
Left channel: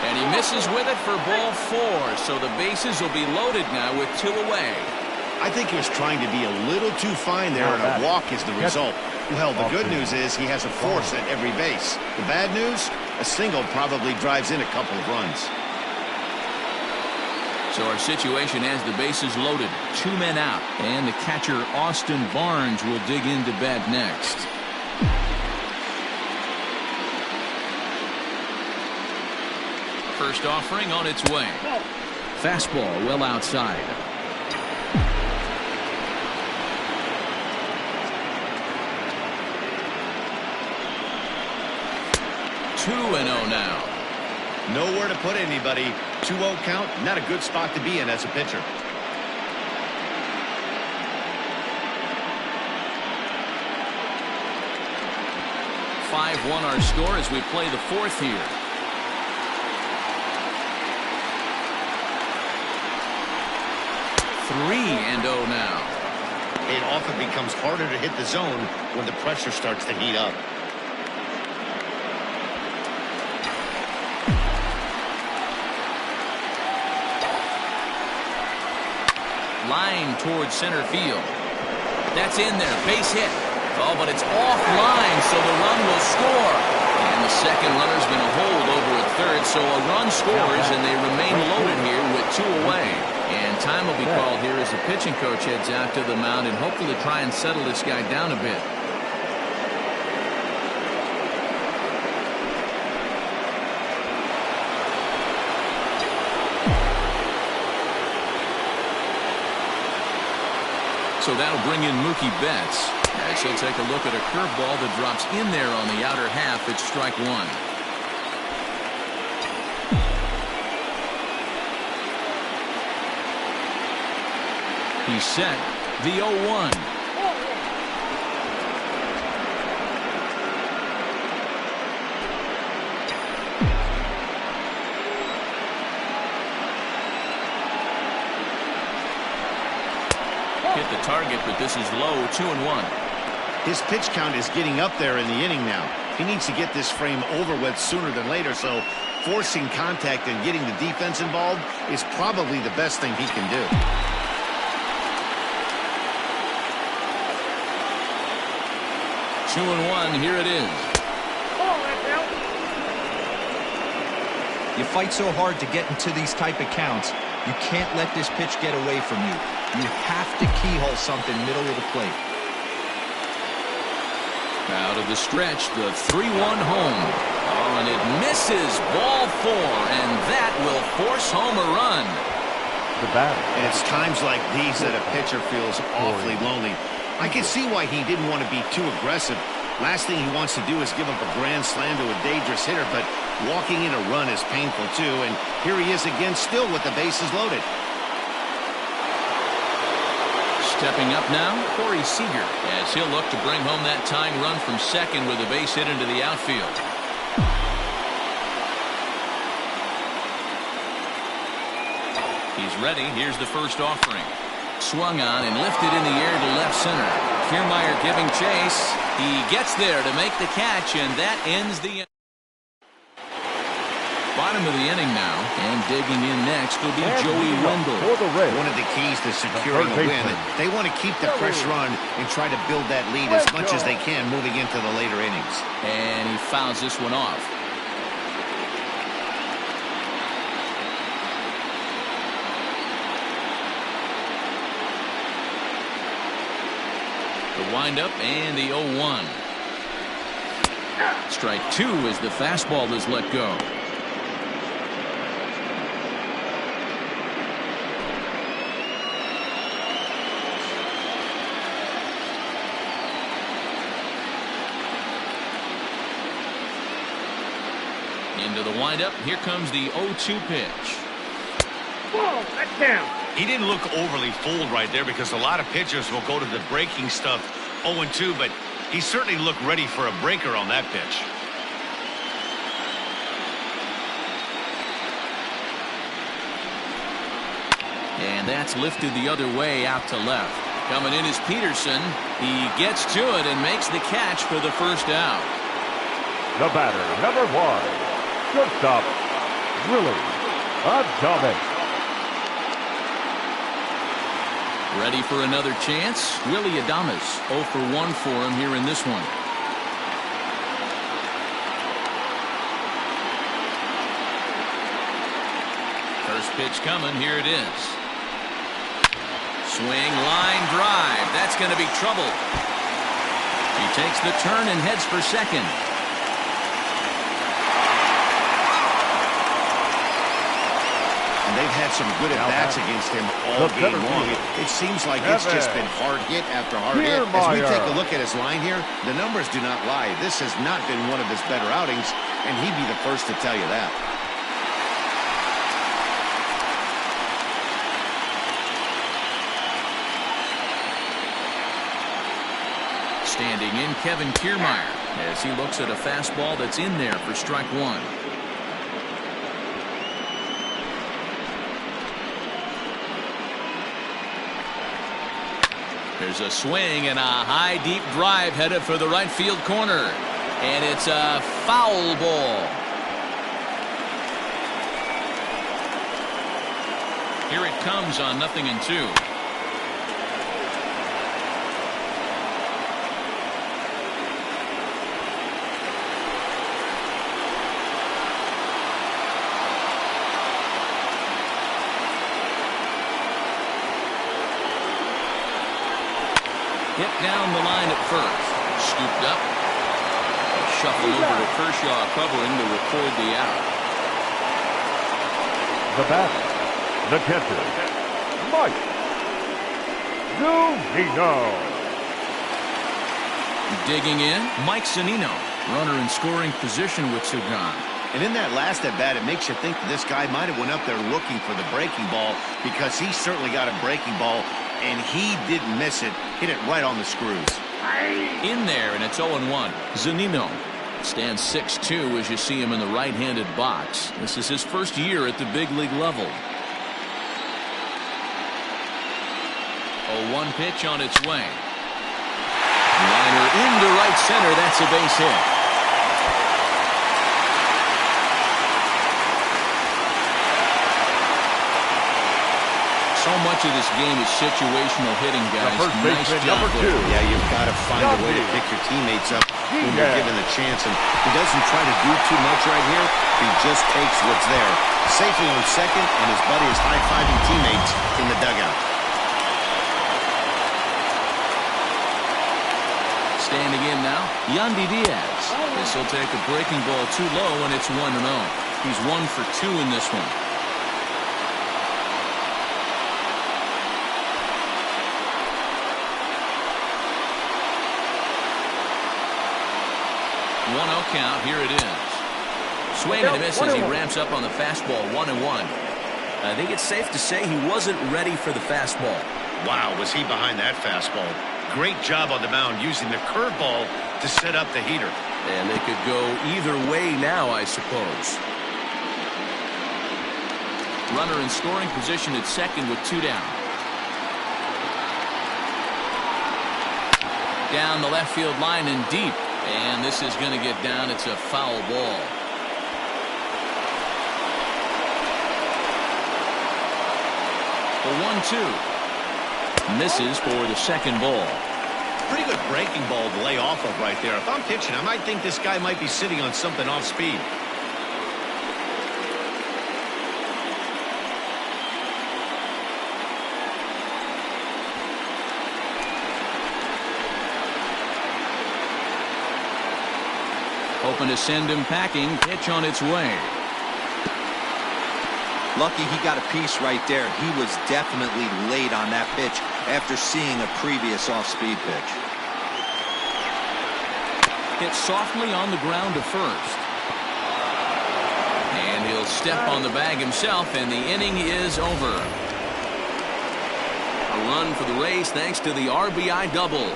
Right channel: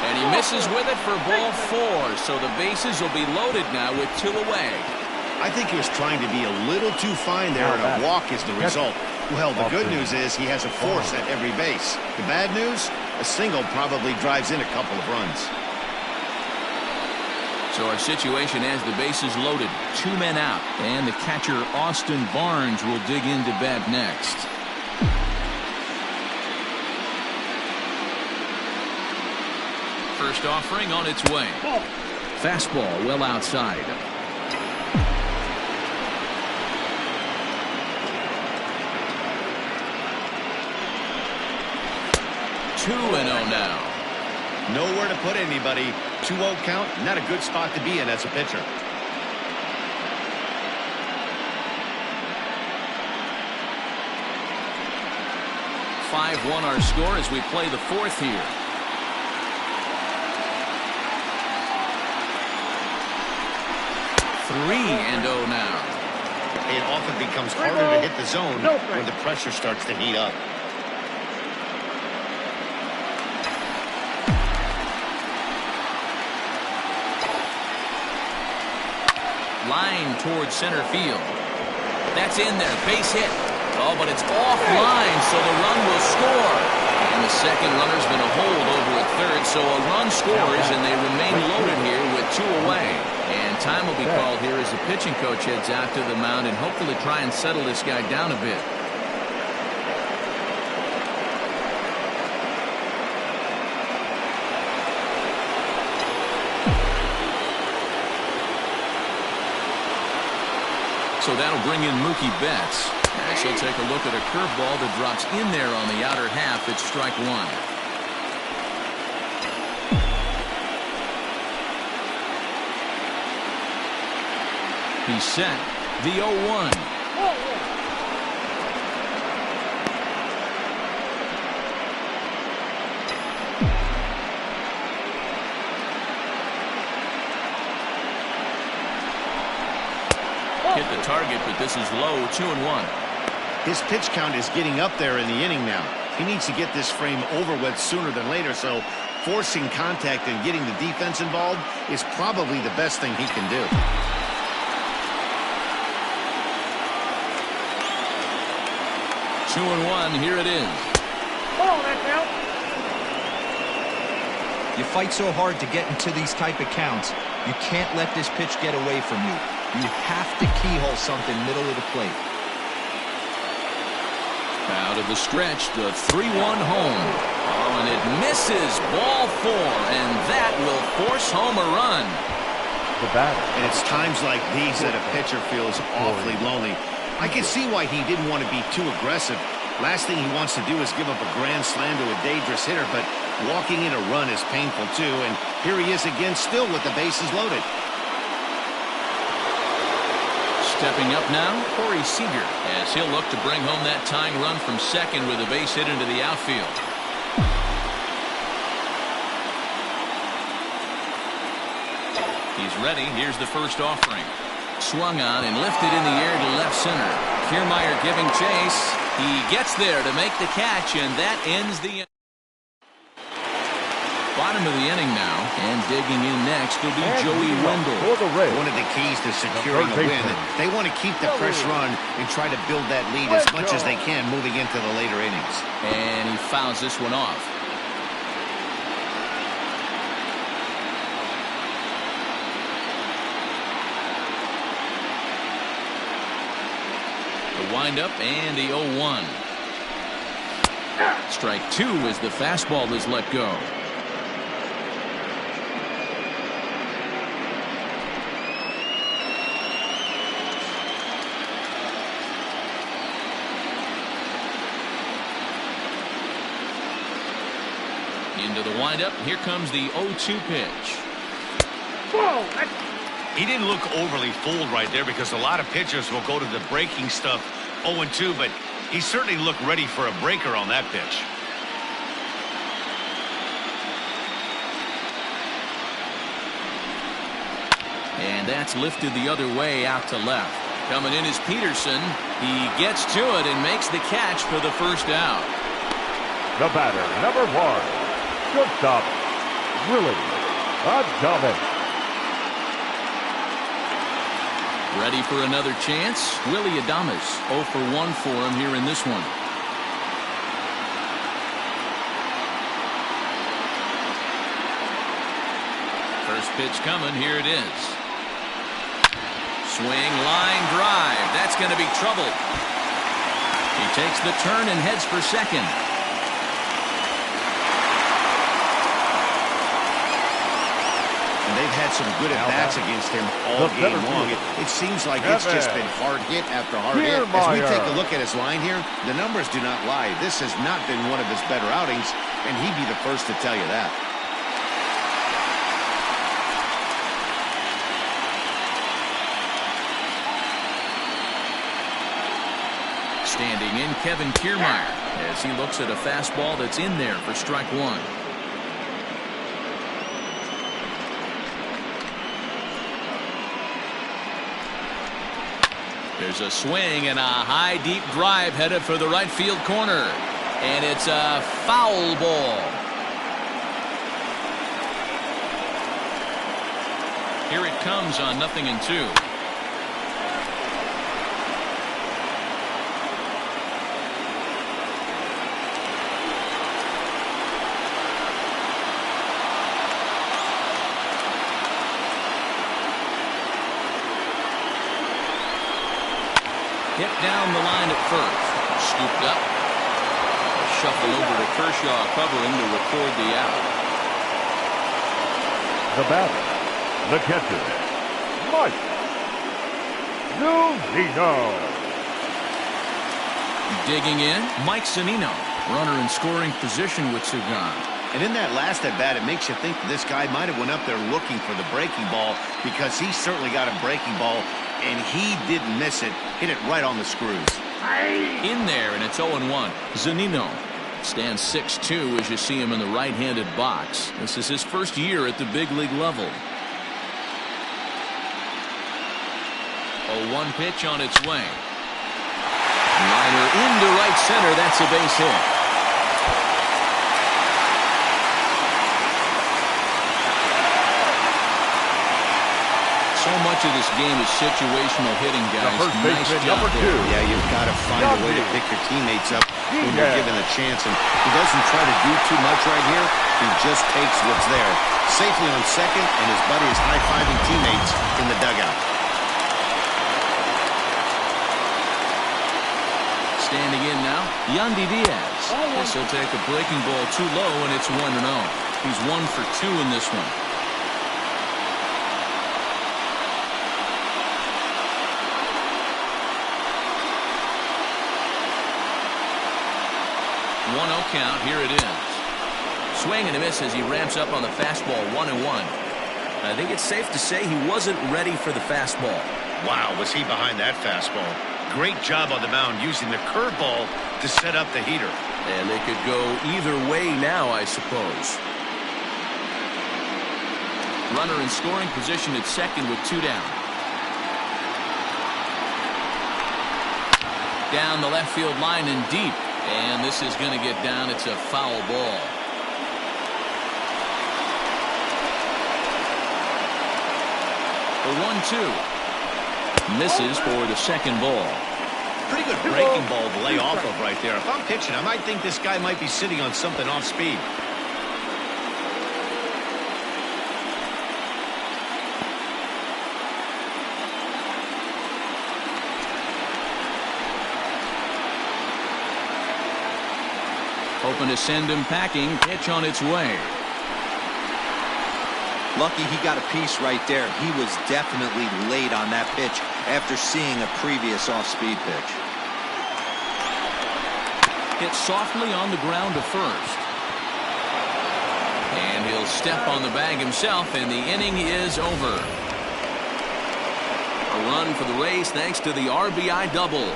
And he misses with it for ball 4. So the bases will be loaded now with 2 away. I think he was trying to be a little too fine there, and a walk is the result. Well, the good news is he has a force at every base. The bad news, a single probably drives in a couple of runs. So our situation has the bases loaded, 2 men out, and the catcher Austin Barnes will dig into bat next. First offering on its way. Fastball well outside. 2-0 now. Nowhere to put anybody. 2-0 count, not a good spot to be in as a pitcher. (5-1) our score as we play the 4th here. (3-0) now. It often becomes harder to hit the zone when the pressure starts to heat up. Line towards center field. That's in there. Base hit. Oh, but it's offline, so the run will score. And the second runner's been a hold over at third, so a run scores, and they remain loaded here with 2 away. And time will be called here as the pitching coach heads out to the mound and hopefully try and settle this guy down a bit. So that'll bring in Mookie Betts, as he'll take a look at a curveball that drops in there on the outer half. It's strike 1. He's set. The 0-1. Hit the target, but this is low. 2-1. His pitch count is getting up there in the inning now. He needs to get this frame over with sooner than later, so forcing contact and getting the defense involved is probably the best thing he can do. Two and 1. Here it is. Oh, that's out. You fight so hard to get into these type of counts. You can't let this pitch get away from you. You have to keyhole something middle of the plate. Out of the stretch, the 3-1 home. Oh, and it misses. Ball 4, and that will force home a run. The batter. And it's times like these that a pitcher feels awfully lonely. I can see why he didn't want to be too aggressive. Last thing he wants to do is give up a grand slam to a dangerous hitter, but walking in a run is painful too. And here he is again, still with the bases loaded. Stepping up now, Corey Seager, as he'll look to bring home that tying run from second with a base hit into the outfield. He's ready. Here's the first offering. Swung on and lifted in the air to left center. Kiermaier giving chase. He gets there to make the catch, and that ends the Bottom of the inning now, and digging in next will be And Joey Wendell. For the Rays, One of the keys to securing a win, they want to keep the pressure on and try to build that lead as much as they can moving into the later innings. And he fouls this one off. The windup and the 0-1. Strike two as the fastball is let go. Into the windup. Here comes the 0-2 pitch. Ball, that's down. He didn't look overly fooled right there because a lot of pitchers will go to the breaking stuff 0-2, but he certainly looked ready for a breaker on that pitch. And that's lifted the other way out to left. Coming in is Peterson. He gets to it and makes the catch for the first out. the batter, number 1, shortstop, Willie Adames. Ready for another chance? Willie Adames, 0 for 1 for him here in this one. First pitch coming. Here it is. Swing, line drive. That's going to be trouble. He takes the turn and heads for second. And they've had some good at-bats against him all game long. It seems like it's just been hard hit after hard hit. As we take a look at his line here, the numbers do not lie. This has not been one of his better outings, and he'd be the first to tell you that. Standing in, Kevin Kiermaier, as he looks at a fastball that's in there for strike 1. There's a swing and a high deep drive headed for the right field corner, and it's a foul ball. Here it comes on 0-2. Hit down the line at first. Scooped up. A shuffle over to Kershaw covering to record the out. The batter, the catcher, Mike Zunino. Digging in, Mike Zunino. Runner in scoring position with Sugan. And in that last at-bat, it makes you think that this guy might have went up there looking for the breaking ball, because he certainly got a breaking ball, and he didn't miss it. Hit it right on the screws. In there, and it's 0-1. Zunino stands 6'2" as you see him in the right-handed box. This is his first year at the big league level. 0-1 pitch on its way. Liner into right center. That's a base hit. So much of this game is situational hitting, guys. Nice job there. Yeah, you've got to find a way to pick your teammates up when you're given the chance. And he doesn't try to do too much right here. He just takes what's there. Safely on second, and his buddy is high-fiving teammates in the dugout. Standing in now, Yandy Diaz. This will take a breaking ball too low, and it's 1-0. He's 1 for 2 in this one. 1-0 count. Here it is. Swing and a miss as he ramps up on the fastball. 1-1. I think it's safe to say he wasn't ready for the fastball. Wow, was he behind that fastball. Great job on the mound using the curveball to set up the heater. And they could go either way now, I suppose. Runner in scoring position at second with 2 down. Down the left field line and deep. And this is going to get down. It's a foul ball. The 1-2. Misses for the second ball. Pretty good breaking ball to lay off of right there. If I'm pitching, I might think this guy might be sitting on something off speed. Hoping to send him packing. Pitch on its way. Lucky he got a piece right there. He was definitely late on that pitch after seeing a previous off-speed pitch. Hit softly on the ground to first. And he'll step on the bag himself, and the inning is over. A run for the Rays thanks to the RBI double.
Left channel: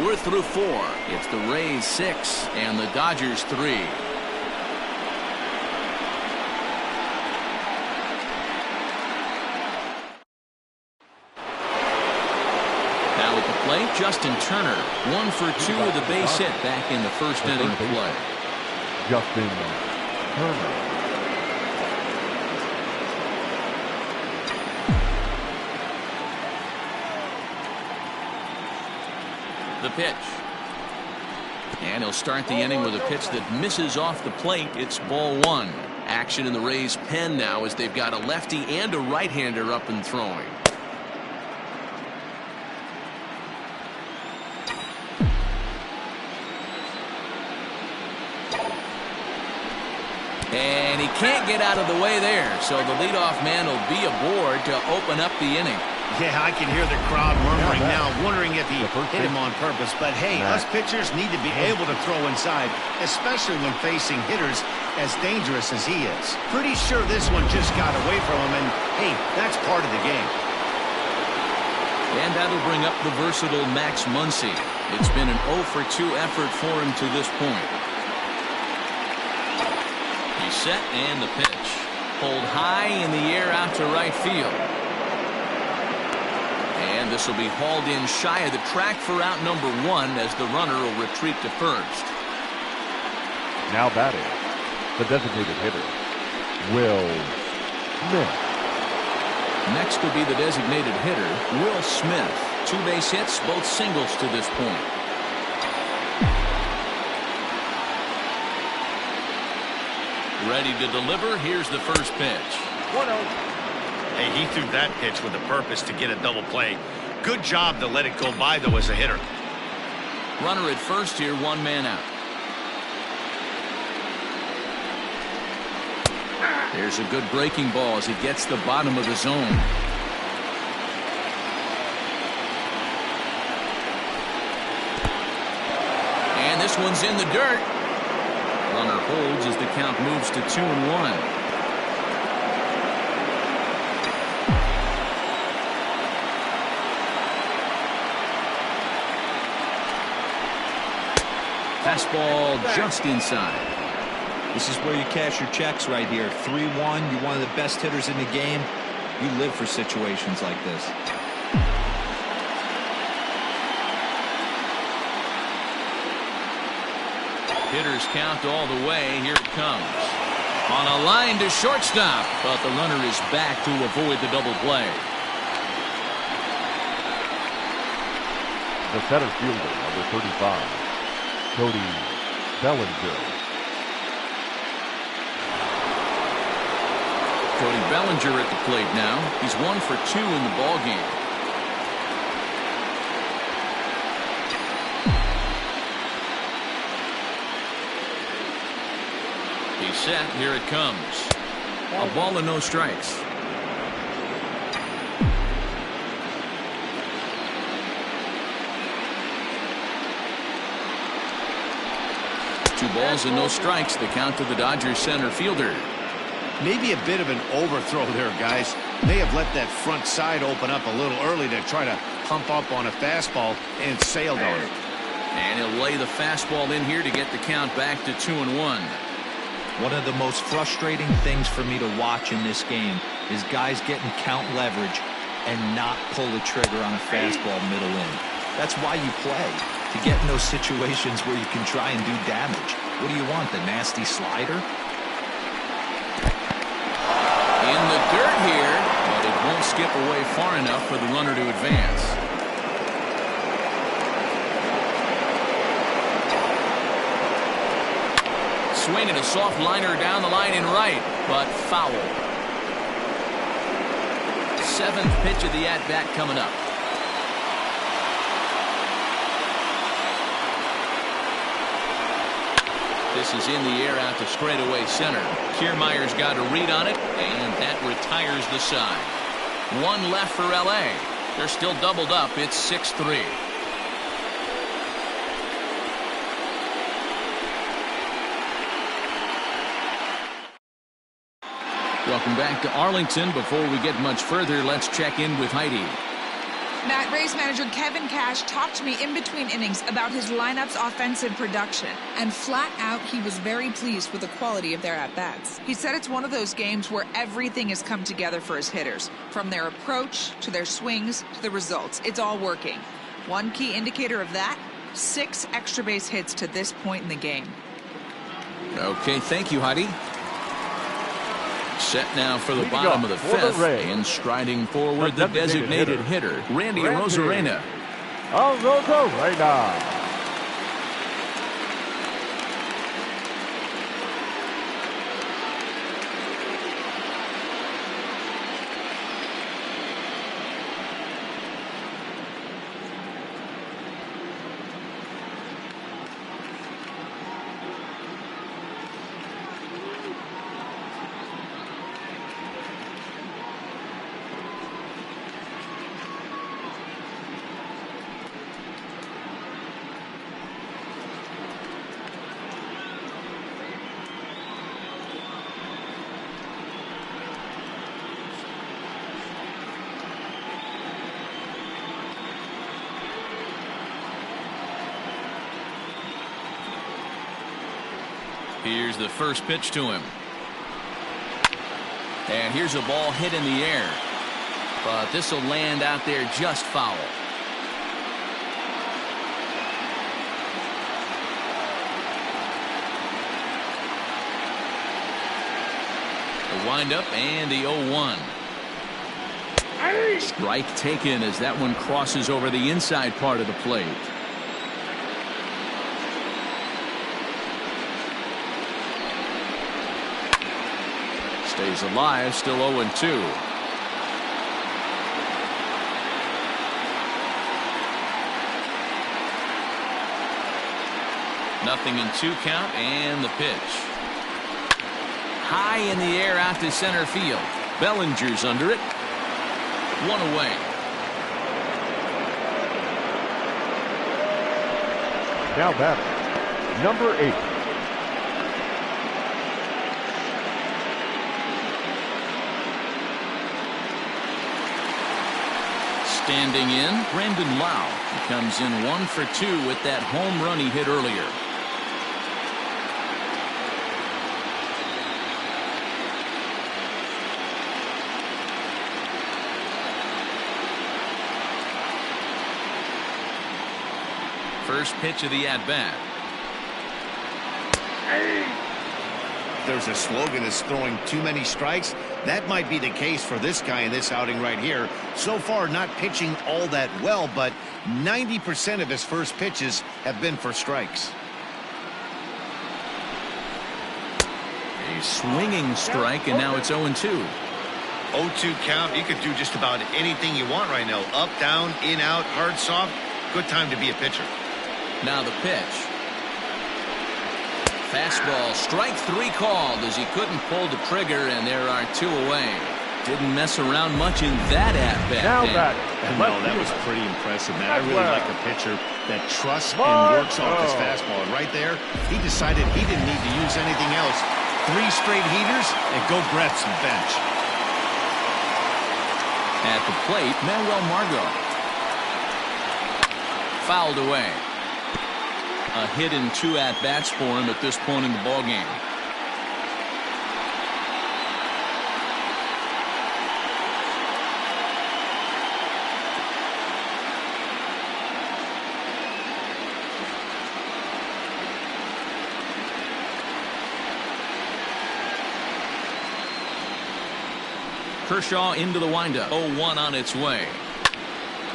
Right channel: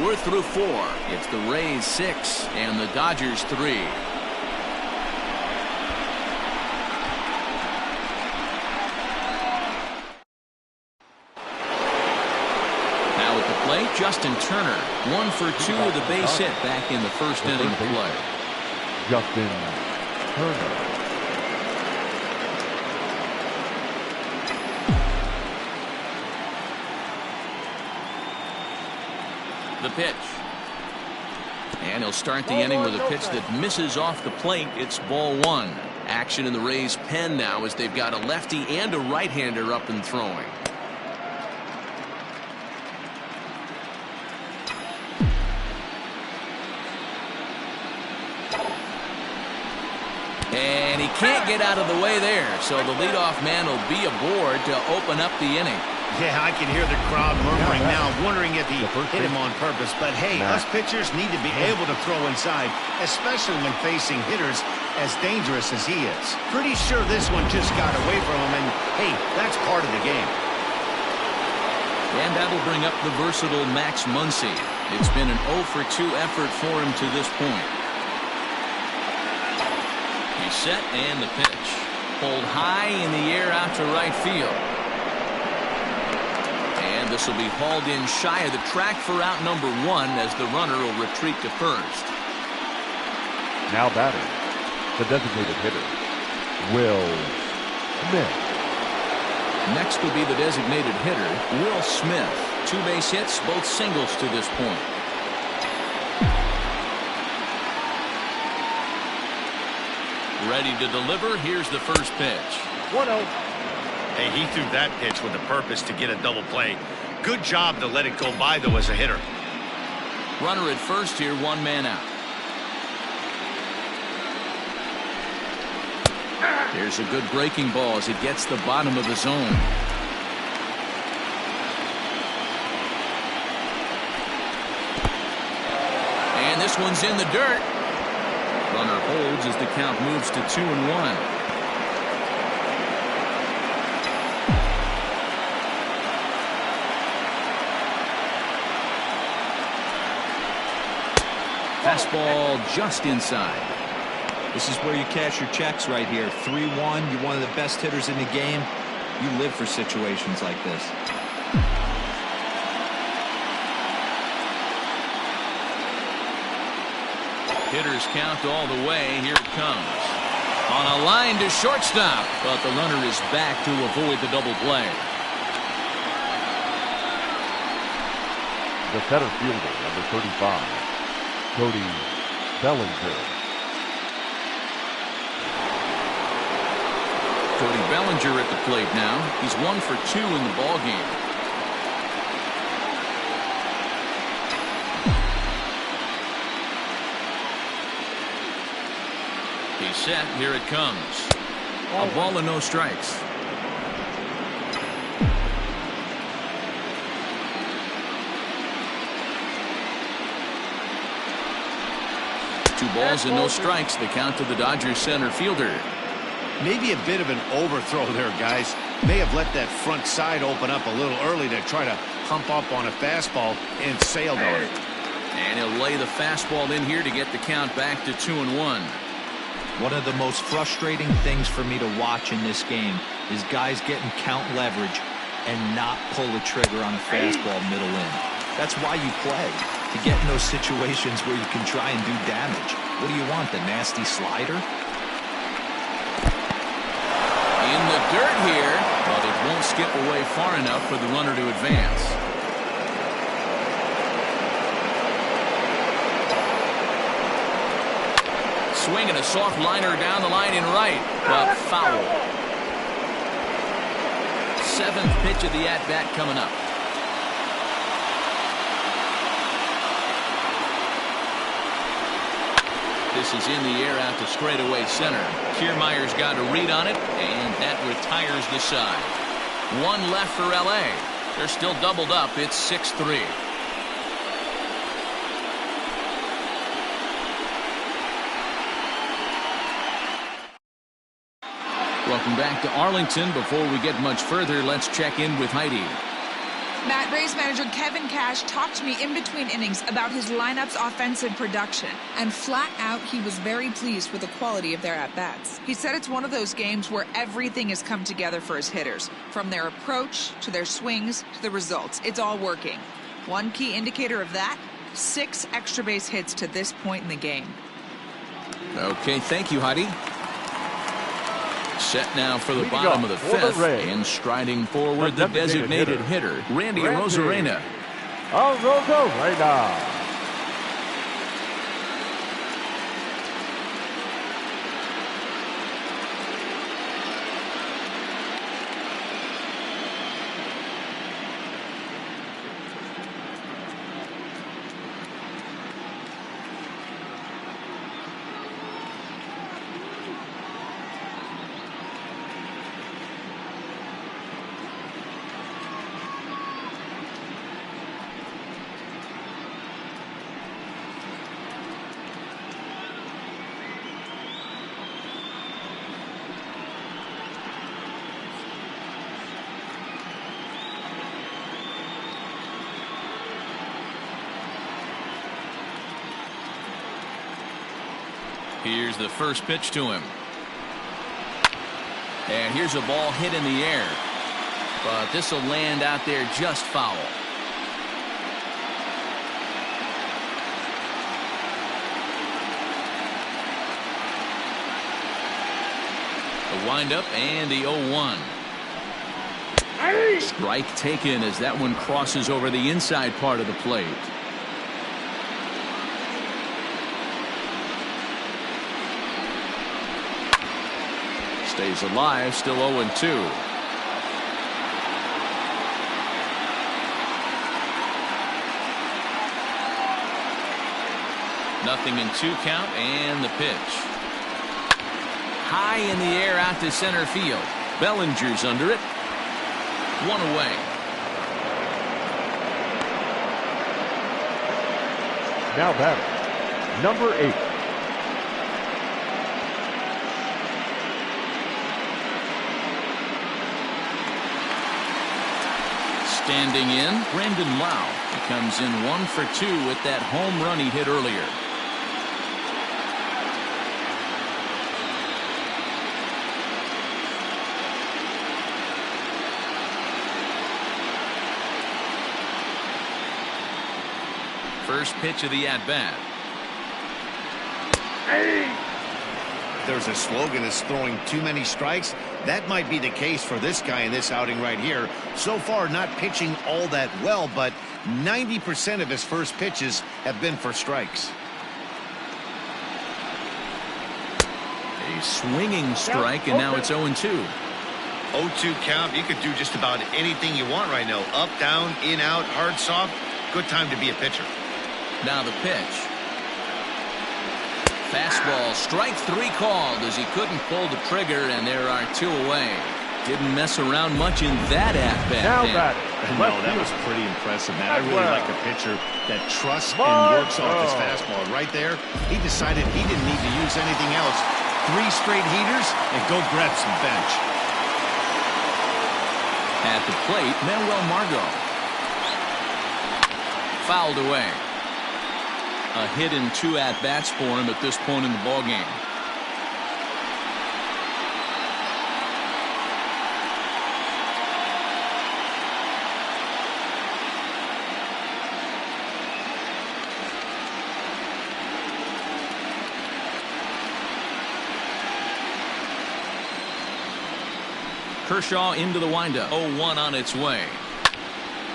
We're through 4. It's the Rays 6 and the Dodgers 3. Now at the plate, Justin Turner. 1 for 2 with a base hit back in the first inning of play. Justin Turner. The pitch. And he'll start the inning with a pitch that misses off the plate. It's ball 1. Action in the Rays' pen now as they've got a lefty and a right-hander up and throwing. And he can't get out of the way there, so the leadoff man will be aboard to open up the inning. Yeah, I can hear the crowd murmuring now, wondering if he hit him on purpose. But hey, us pitchers need to be able to throw inside, especially when facing hitters as dangerous as he is. Pretty sure this one just got away from him, and hey, that's part of the game. And that'll bring up the versatile Max Muncy. It's been an 0 for 2 effort for him to this point. He's set, and the pitch. Pulled high in the air out to right field. And this will be hauled in shy of the track for out number 1 as the runner will retreat to first. Now batting, the designated hitter, Will Smith. Next will be the designated hitter, Will Smith. 2 base hits, both singles to this point. Ready to deliver. Here's the first pitch. 1-0. Hey, he threw that pitch with a purpose to get a double play. Good job to let it go by, though, as a hitter. Runner at first here, 1 man out. Here's a good breaking ball as it gets the bottom of the zone. And this one's in the dirt. Runner holds as the count moves to 2-1. Fastball just inside. This is where you cash your checks right here. 3-1. You're one of the best hitters in the game. You live for situations like this. Hitters count all the way. Here it comes. On a line to shortstop, but the runner is back to avoid the double play. The center fielder, number 35, Cody Bellinger. Cody Bellinger at the plate now. He's 1 for 2 in the ball game. He's set. Here it comes. A ball and no strikes. Two balls and no strikes. The count to the Dodgers center fielder. Maybe a bit of an overthrow there, guys. May have let that front side open up a little early to try to hump up on a fastball and sailed on it. And he'll lay the fastball in here to get the count back to 2-1. One of the most frustrating things for me to watch in this game is guys getting count leverage and not pull the trigger on a fastball middle in. That's why you play, to get in those situations where you can try and do damage. What do you want, the nasty slider? In the dirt here, but it won't skip away far enough for the runner to advance. Swinging a soft liner down the line in right, but foul. 7th pitch of the at-bat coming up. This is in the air out to straightaway center. Kiermaier's got a read on it, and that retires the side. 1 left for L.A. They're still doubled up. It's 6-3. Welcome back to Arlington. Before we get much further, let's check in with Heidi. Matt, Rays manager Kevin Cash talked to me in between innings about his lineup's offensive production, and flat out he was very pleased with the quality of their at-bats. He said it's one of those games where everything has come together for his hitters, from their approach to their swings to the results. It's all working. One key indicator of that, 6 extra base hits to this point in the game. Okay, thank you, Heidi. Set now for the bottom of the 5th, and striding forward the designated hitter, Randy Arozarena. Arozarena. Here's the first pitch to him. And here's a ball hit in the air. But this will land out there just foul. The windup and the 0-1. Strike taken as that one crosses over the inside part of the plate. Stays alive, still 0-2. Nothing in 2 count, and the pitch. High in the air out to center field. Bellinger's under it. 1 away. Now batting, number 8. Standing in, Brandon Lau. He comes in 1 for 2 with that home run he hit earlier. First pitch of the at-bat. There's a slogan as throwing too many strikes. That might be the case for this guy in this outing right here. So far, not pitching all that well, but 90% of his first pitches have been for strikes. A swinging strike, and now it's 0-2. 0-2 count. You could do just about anything you want right now. Up, down, in, out, hard, soft. Good time to be a pitcher. Now the pitch. Fastball, strike 3 called as he couldn't pull the trigger, and there are 2 away. Didn't mess around much in that at-bat. Now batting. No, that was pretty impressive, man. I really like a pitcher that trusts and works off his fastball. And right there, he decided he didn't need to use anything else. 3 straight heaters and go grab some bench. At the plate, Manuel Margot. Fouled away. A hit in 2 at-bats for him at this point in the ballgame. Kershaw into the windup. 0-1 on its way.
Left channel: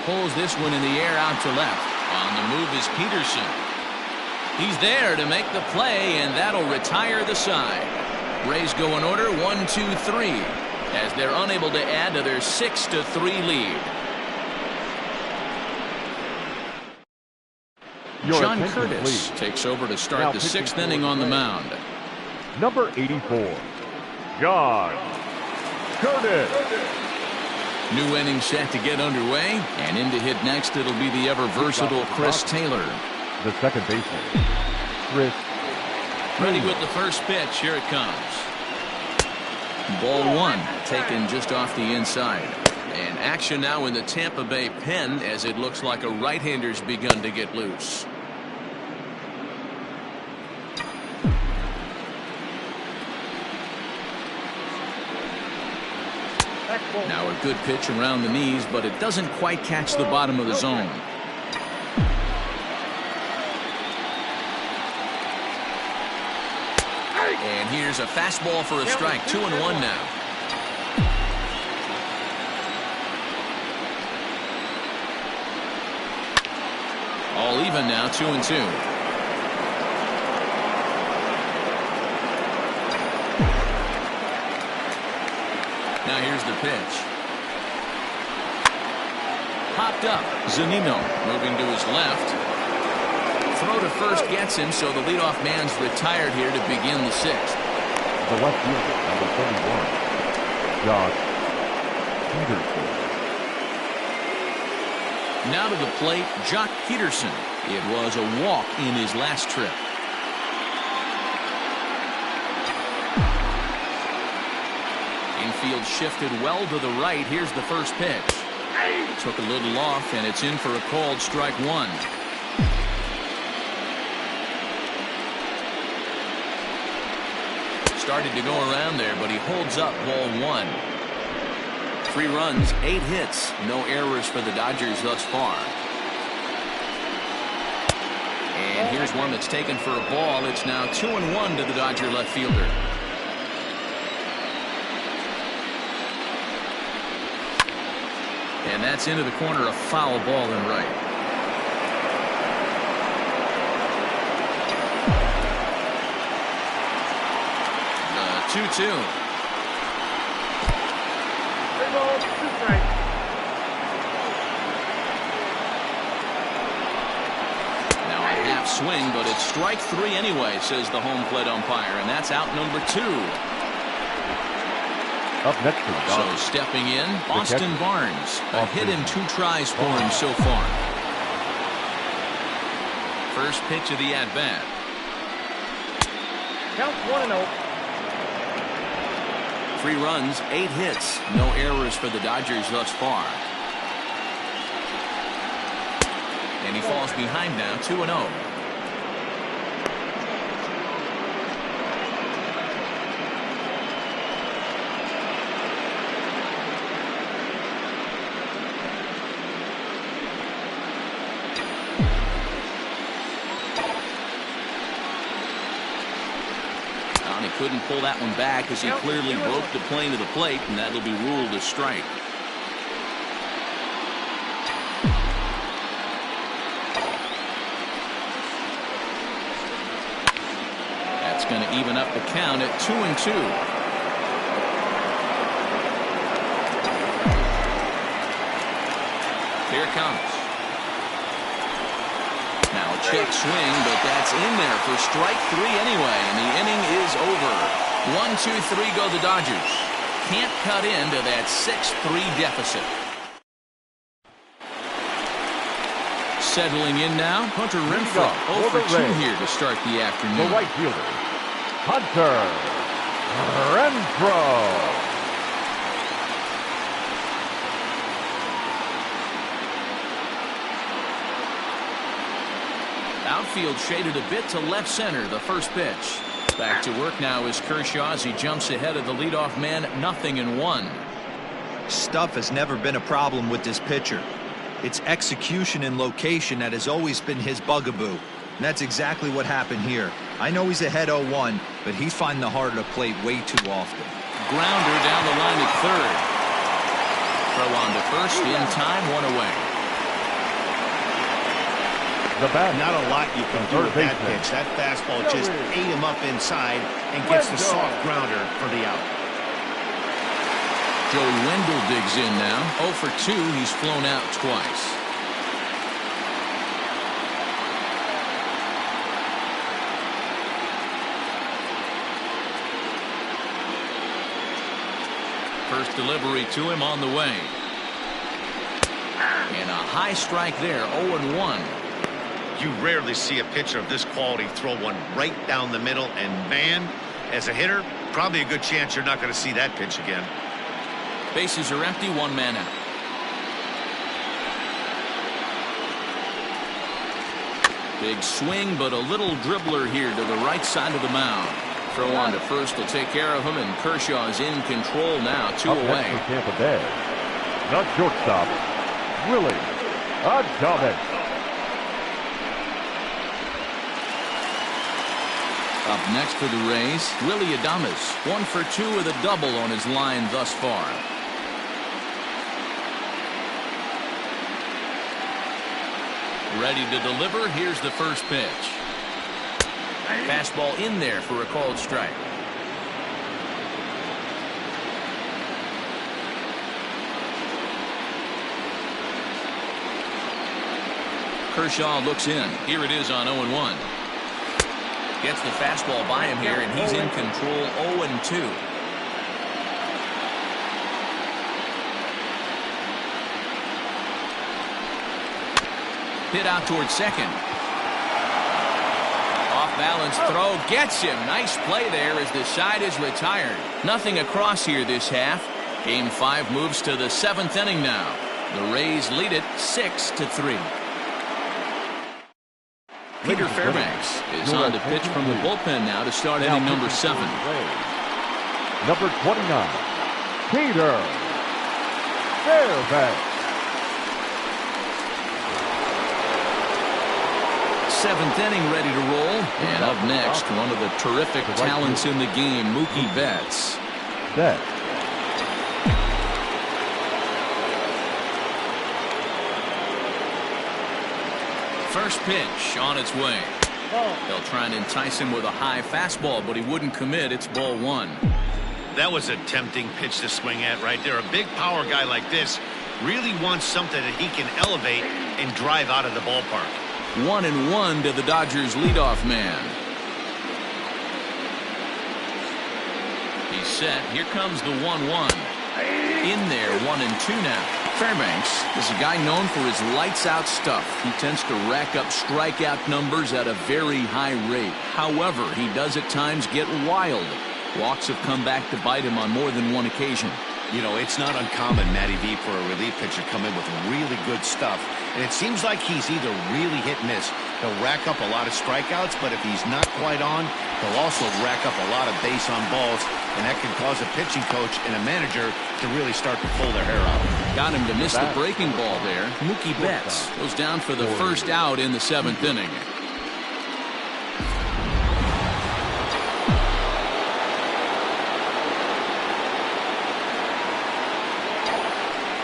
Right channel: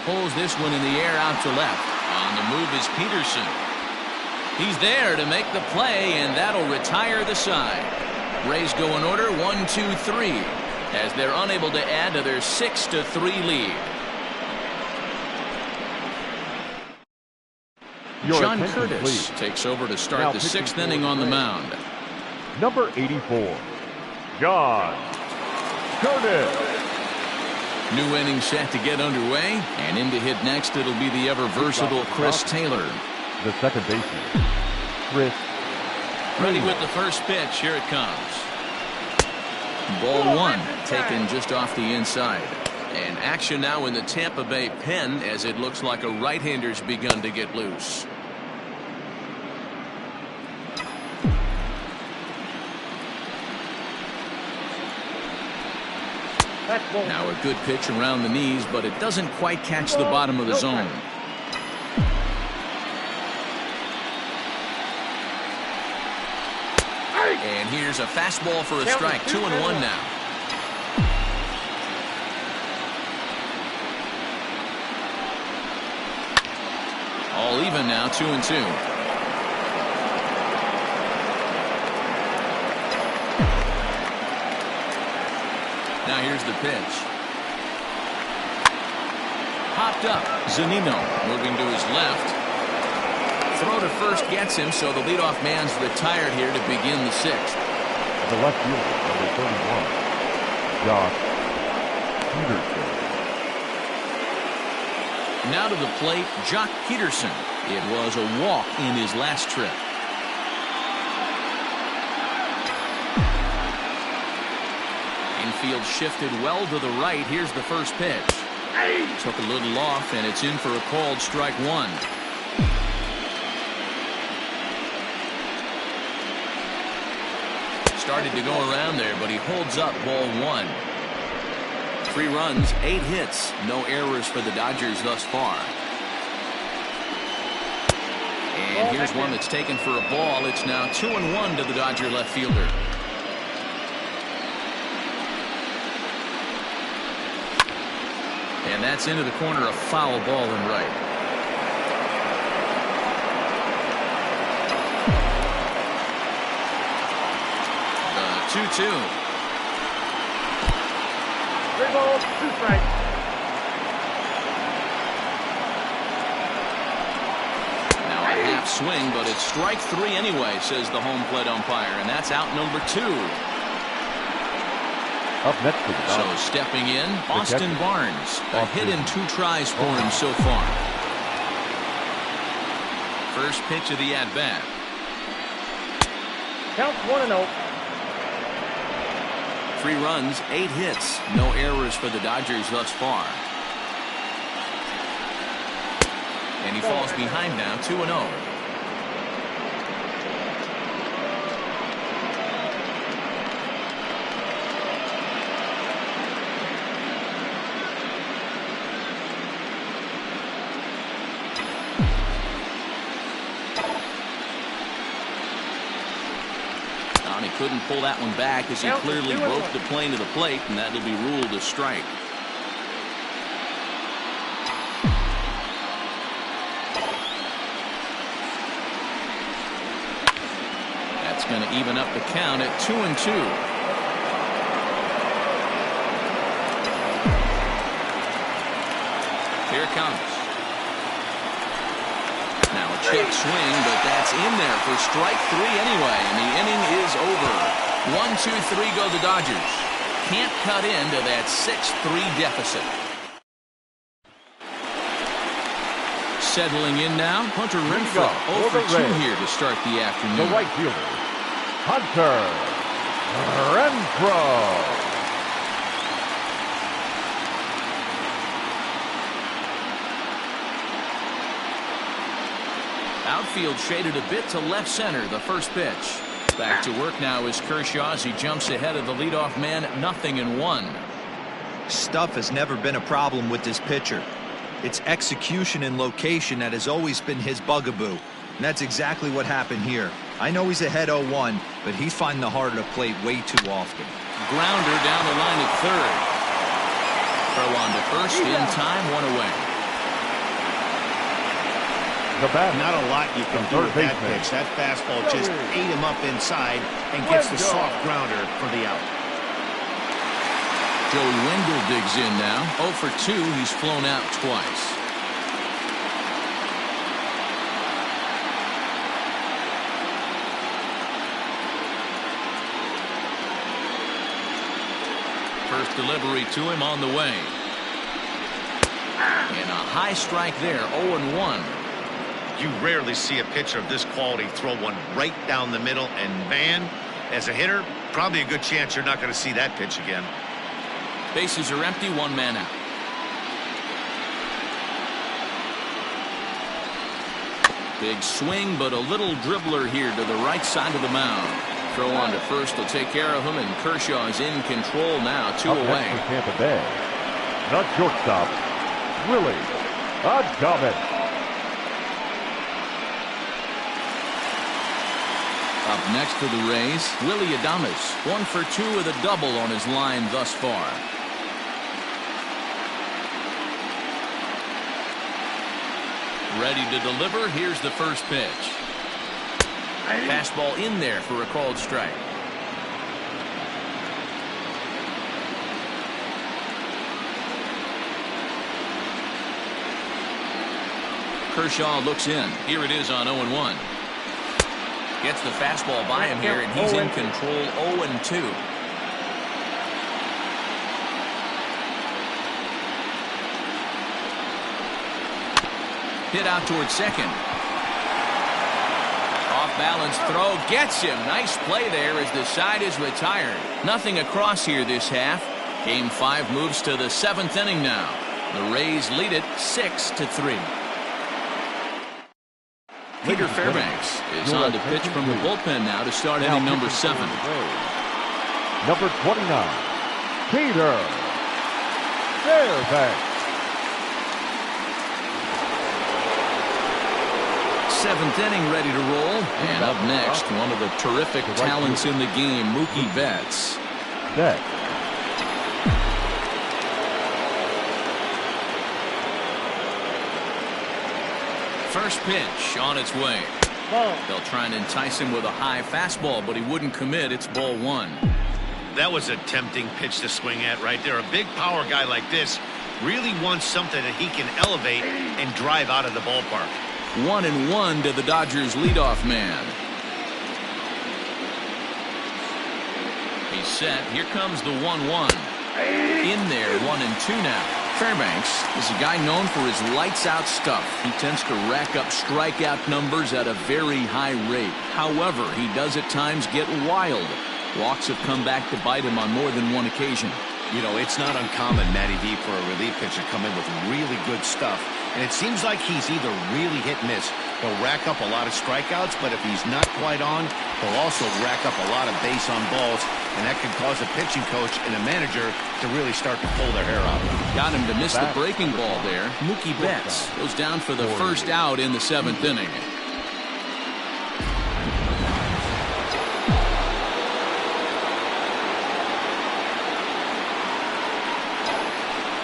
Pulls this one in the air out to left. On the move is Peterson. He's there to make the play, and that'll retire the side. Rays go in order 1-2-3 as they're unable to add to their 6-3 lead. John Curtis takes over to start the 6th inning on the mound. Number 84, John Curtis. New inning set to get underway, and in to hit next it'll be the ever versatile Chris Taylor. The second baseman, Chris. Ready with the first pitch. Here it comes. Ball 1 taken just off the inside. And action now in the Tampa Bay pen as it looks like a right-hander's begun to get loose. Now a good pitch around the knees, but it doesn't quite catch the bottom of the zone. And here's a fastball for a strike. 2-1 now. All even now, 2-2. Now here's the pitch. Popped up. Zunino moving to his left. Throw to first gets him, so the leadoff man's retired here to begin the 6th. The left fielder, number 31, Josh Peterson. Now to the plate, Jock Peterson. It was a walk in his last trip. Infield shifted well to the right. Here's the first pitch. Took a little off, and it's in for a called strike 1. Started to go around there, but he holds up ball 1. 3 runs, 8 hits, no errors for the Dodgers thus far. And here's one that's taken for a ball. It's now 2-1 to the Dodger left fielder. And that's into the corner, a foul ball and right. The 2-2. 3 balls, 2 strikes. Now a half swing, but it's strike 3 anyway, says the home plate umpire, and that's out number 2. Up next for the Dodgers. So stepping in, Austin Barnes. A hit in 2 tries for him so far. First pitch of the at-bat. Counts 1-0. 3 runs, 8 hits, no errors for the Dodgers thus far. And he falls behind now, 2-0. He couldn't pull that one back as he clearly broke the plane of the plate, and that'll be ruled a strike. That's going to even up the count at 2-2. Here it comes. Now a check swing, but that's in there for strike 3 anyway, and the inning is over. 1-2-3 go the Dodgers. Can't cut into that 6-3 deficit. Settling in now, Hunter Renfroe. 0 for 2 here to start the afternoon. The right fielder, Hunter Renfroe. Outfield shaded a bit to left center, the first pitch. Back to work now is Kershaw as he jumps ahead of the leadoff man, 0-1. Stuff has never been a problem with this pitcher. It's execution and location that has always been his bugaboo. And that's exactly what happened here. I know he's ahead 0-1, but he's finding the heart of the plate way too often. Grounder down the line at third. Throw on to first in time, 1 away. The bat. Not a lot you can do with that pitch. That fastball just ate him up inside and gets the soft grounder for the out. Joey Wendell digs in now. 0 for 2. He's flown out twice. First delivery to him on the way. And a high strike there, 0-1. You rarely see a pitcher of this quality throw one right down the middle, and man, as a hitter, probably a good chance you're not going to see that pitch again. Bases are empty, 1 man out. Big swing, but a little dribbler here to the right side of the mound. Throw on to first will take care of him, and Kershaw is in control now, 2 away. For Tampa Bay, the shortstop, Willie Adames. Up next for the Rays, Willie Adames, 1 for 2 with a double on his line thus far. Ready to deliver. Here's the first pitch. Fastball in there for a called strike. Kershaw looks in. Here it is on 0-1. Gets the fastball by him here, and he's in control, 0-2. Hit out towards second. Off balance throw gets him. Nice play there as the side is retired. Nothing across here this half. Game 5 moves to the 7th inning now. The Rays lead it 6-3. Peter Fairbanks is on to pitch from the bullpen now to start inning number 7. Number 29, Peter Fairbanks. 7th inning ready to roll. And up next, one of the terrific talents in the game, Mookie Betts. First pitch on its way. They'll try and entice him with a high fastball, but he wouldn't commit. It's ball 1. That was a tempting pitch to swing at right there. A big power guy like this really wants something that he can elevate and drive out of the ballpark. 1-1 to the Dodgers leadoff man. He's set. Here comes the 1-1. In there, 1-2 now. Fairbanks is a guy known for his lights-out stuff. He tends to rack up strikeout numbers at a very high rate. However, he does at times get wild. Walks have come back to bite him on more than one occasion. You know, it's not uncommon, Matty V, for a relief pitcher to come in with really good stuff. And it seems like he's either really hit-miss. He'll rack up a lot of strikeouts, but if he's not quite on, he'll also rack up a lot of base on balls. And that can cause a pitching coach and a manager to really start to pull their hair out. Got him to miss the breaking ball there. Mookie Betts goes down for the first out in the 7th inning.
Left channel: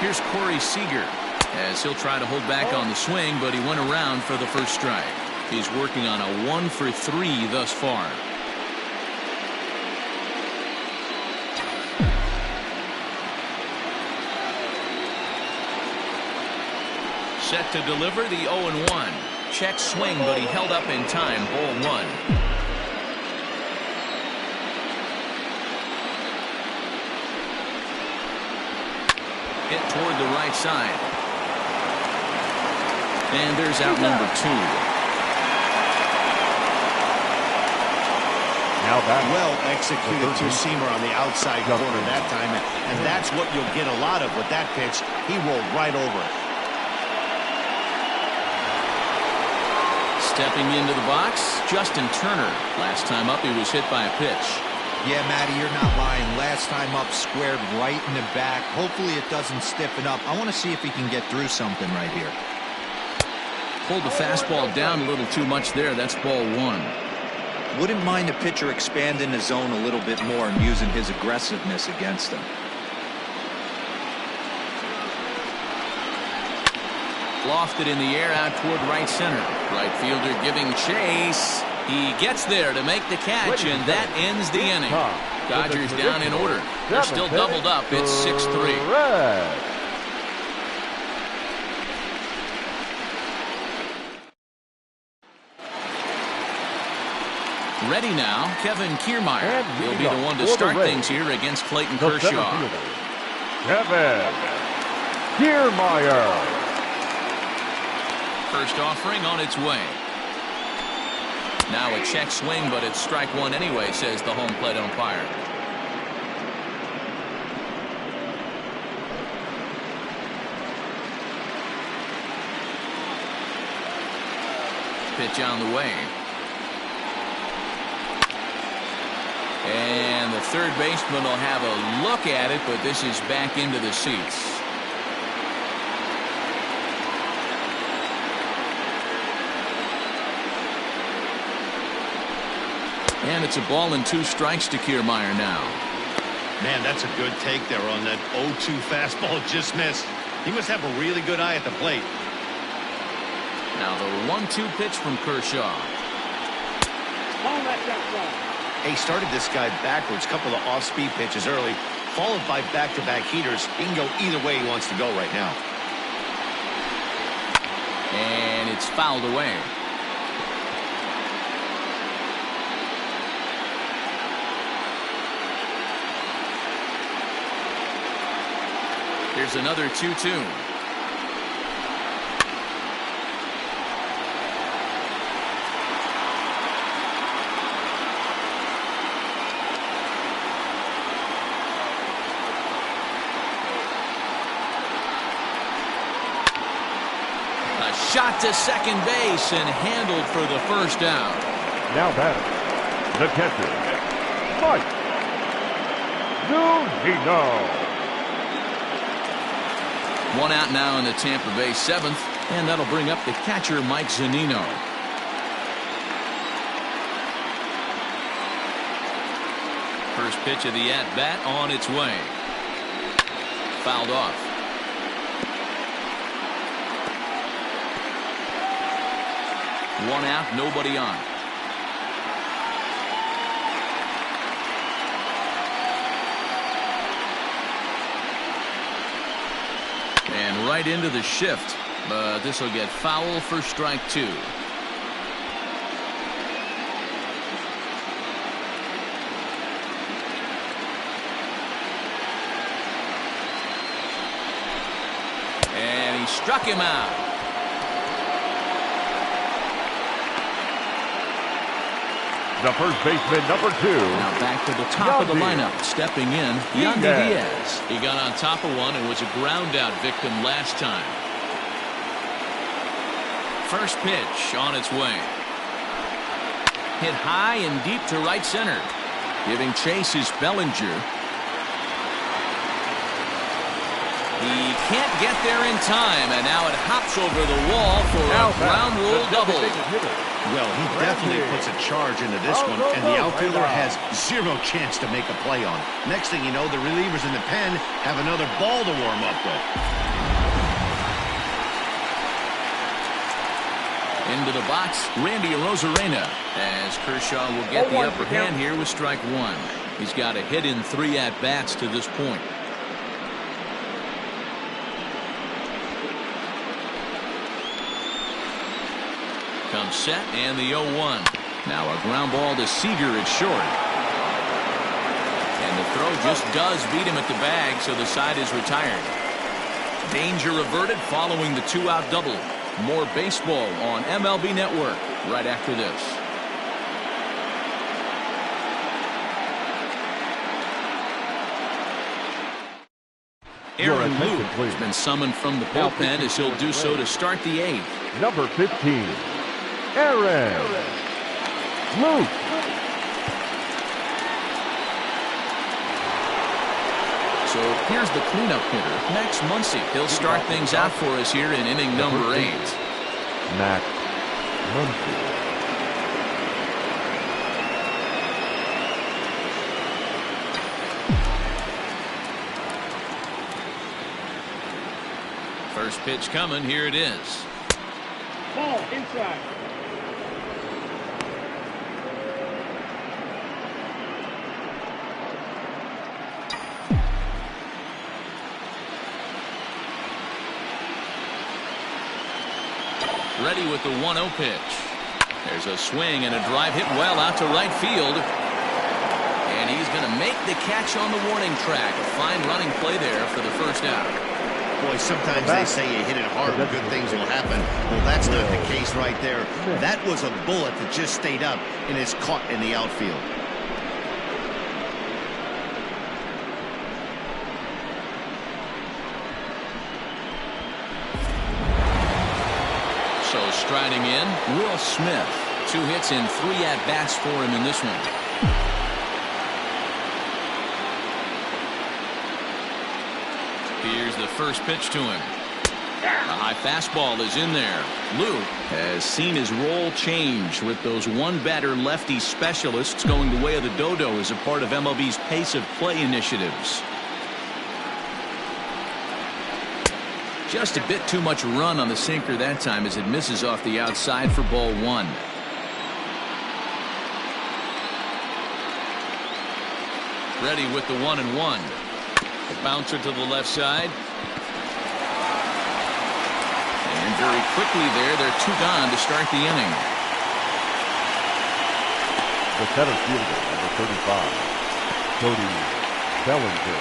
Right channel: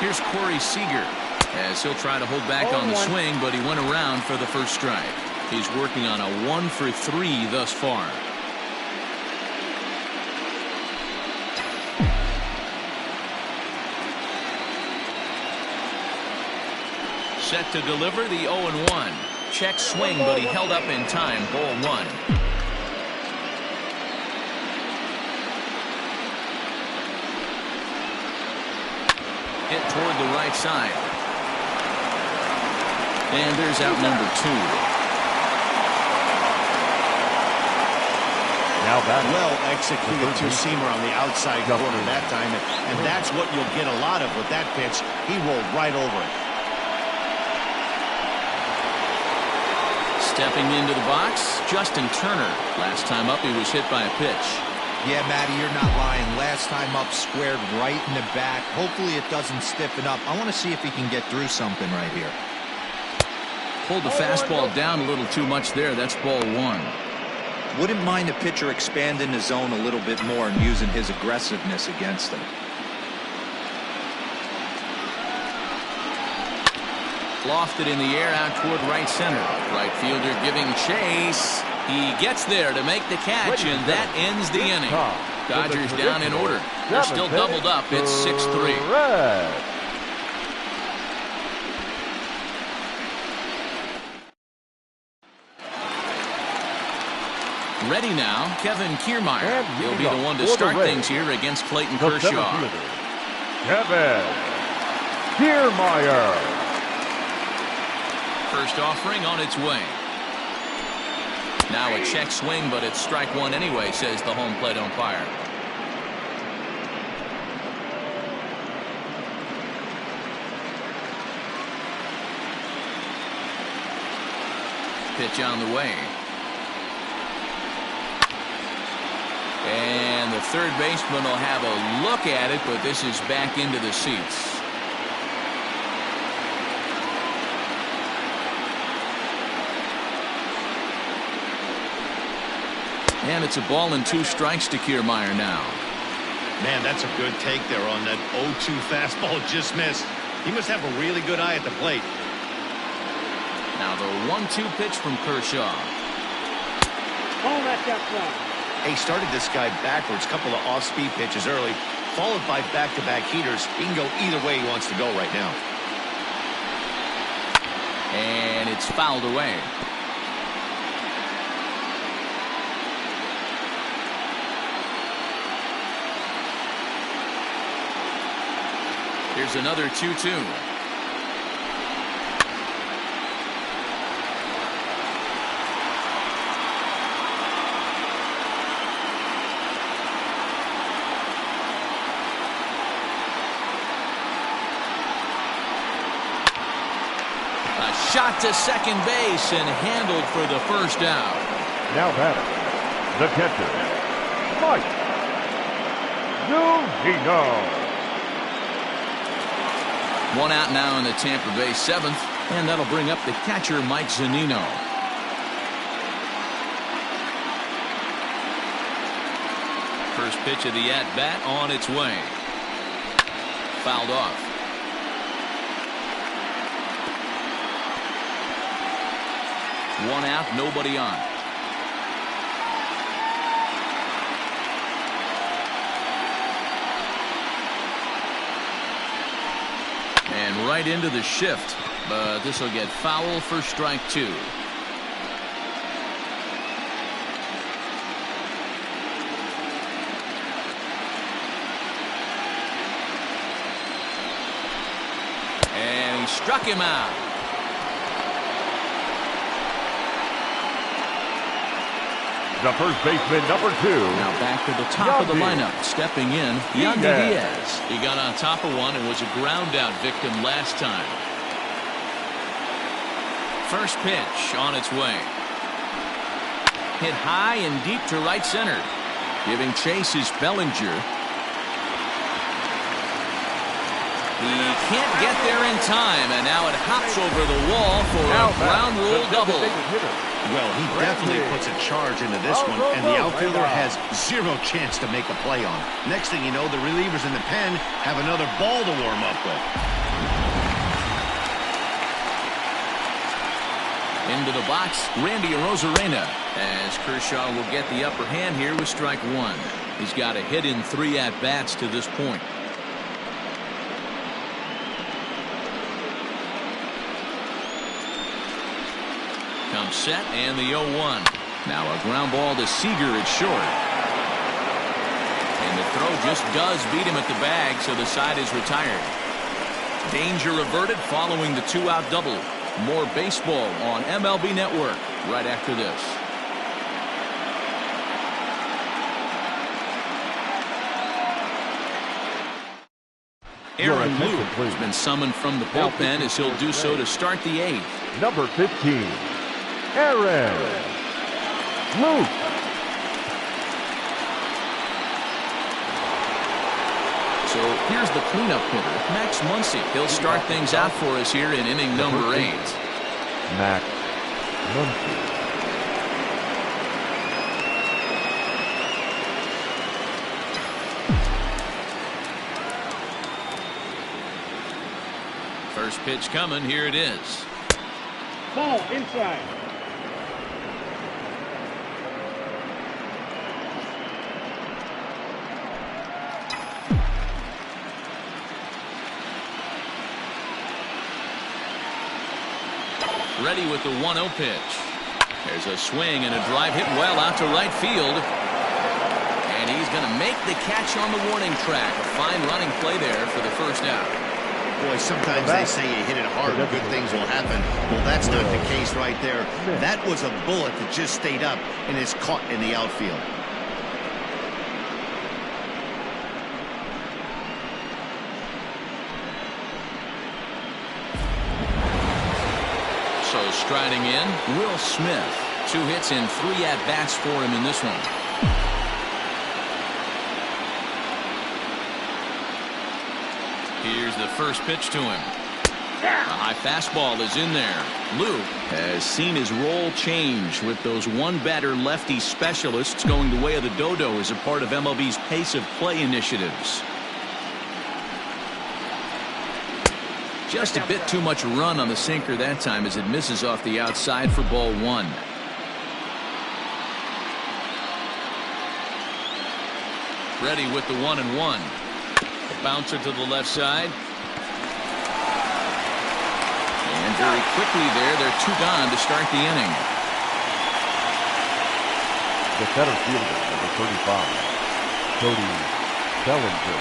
Here's Corey Seager as he'll try to hold back on the swing, but he went around for the first strike. He's working on a 1 for 3 thus far. Set to deliver the 0-1. Check swing, but he held up in time. Ball 1. Hit toward the right side. And there's out number 2. Now that well executed two-seamer on the outside corner that time, and that's what you'll get a lot of with that pitch. He rolled right over it. Stepping into the box, Justin Turner. Last time up, he was hit by a pitch. Yeah, Matty, you're not lying. Last time up, squared right in the back. Hopefully it doesn't stiffen up. I want to see if he can get through something right here. Pulled the fastball down a little too much there. That's ball 1. Wouldn't mind a pitcher expanding the zone a little bit more and using his aggressiveness against him. Lofted in the air out toward right center. Right fielder giving chase. He gets there to make the catch, and that ends the inning. Dodgers down in order. They're still doubled up. It's 6-3. Ready now, Kevin Kiermaier. He'll be the one to start things here against Clayton Kershaw. Kevin Kiermaier. First offering on its way. Now a check swing, but it's strike one anyway, says the home plate umpire. Pitch on the way. And the third baseman will have a look at it, but this is back into the seats. And it's a ball and 2 strikes to Kiermaier now. Man, that's a good take there on that 0-2 fastball just missed. He must have a really good eye at the plate. Now the 1-2 pitch from Kershaw. Ball that's outside. He started this guy backwards, couple of off-speed pitches early, followed by back-to-back heaters. He can go either way he wants to go right now. And it's fouled away. Here's another 2-2. A shot to second base and handled for the first out. Now batting, the catcher, Mike Zunino. One out now in the Tampa Bay 7th, and that'll bring up the catcher, Mike Zunino. First pitch of the at-bat on its way. Fouled off. One out, nobody on. And right into the shift, but this will get foul for strike 2. And he struck him out. The first baseman, number 2. Now back to the top of the lineup. Stepping in, Yandy Diaz. He got on top of one and was a ground out victim last time. First pitch on its way. Hit high and deep to right center. Giving chase is Bellinger. He can't get there in time, and now it hops over the wall for a ground rule double. Well, he definitely puts a charge into this one, and the outfielder has zero chance to make a play on it. Next thing you know, the relievers in the pen have another ball to warm up with. Into the box, Randy Arozarena, as Kershaw will get the upper hand here with strike 1. He's got a hit in 3 at-bats to this point. Comes set, and the 0-1. Now a ground ball to Seager at short. And the throw just does beat him at the bag, so the side is retired. Danger averted following the 2-out double. More baseball on MLB Network right after this. Aaron Lou has been summoned from the bullpen as he'll do so to start the 8th. Number 15, Aaron Luke. So here's the cleanup hitter, Max Muncy. He'll start things out for us here in inning number 8. Max Muncy. First pitch coming. Here it is. Ball inside. Ready with the 1-0 pitch. There's a swing and a drive hit well out to right field. And he's going to make the catch on the warning track. A fine running play there for the first out. Boy, sometimes they say you hit it hard and good things will happen. Well, that's not the case right there. That was a bullet that just stayed up and is caught in the outfield. So striding in, Will Smith. 2 hits and 3 at-bats for him in this one. Here's the first pitch to him. A high fastball is in there. Lou has seen his role change with those one-batter lefty specialists going the way of the dodo as a part of MLB's pace of play initiatives. Just a bit too much run on the sinker that time as it misses off the outside for ball 1. Ready with the 1-1. A bouncer to the left side. And very quickly they're 2 gone to start the inning. The center fielder, number 35, Cody Bellinger.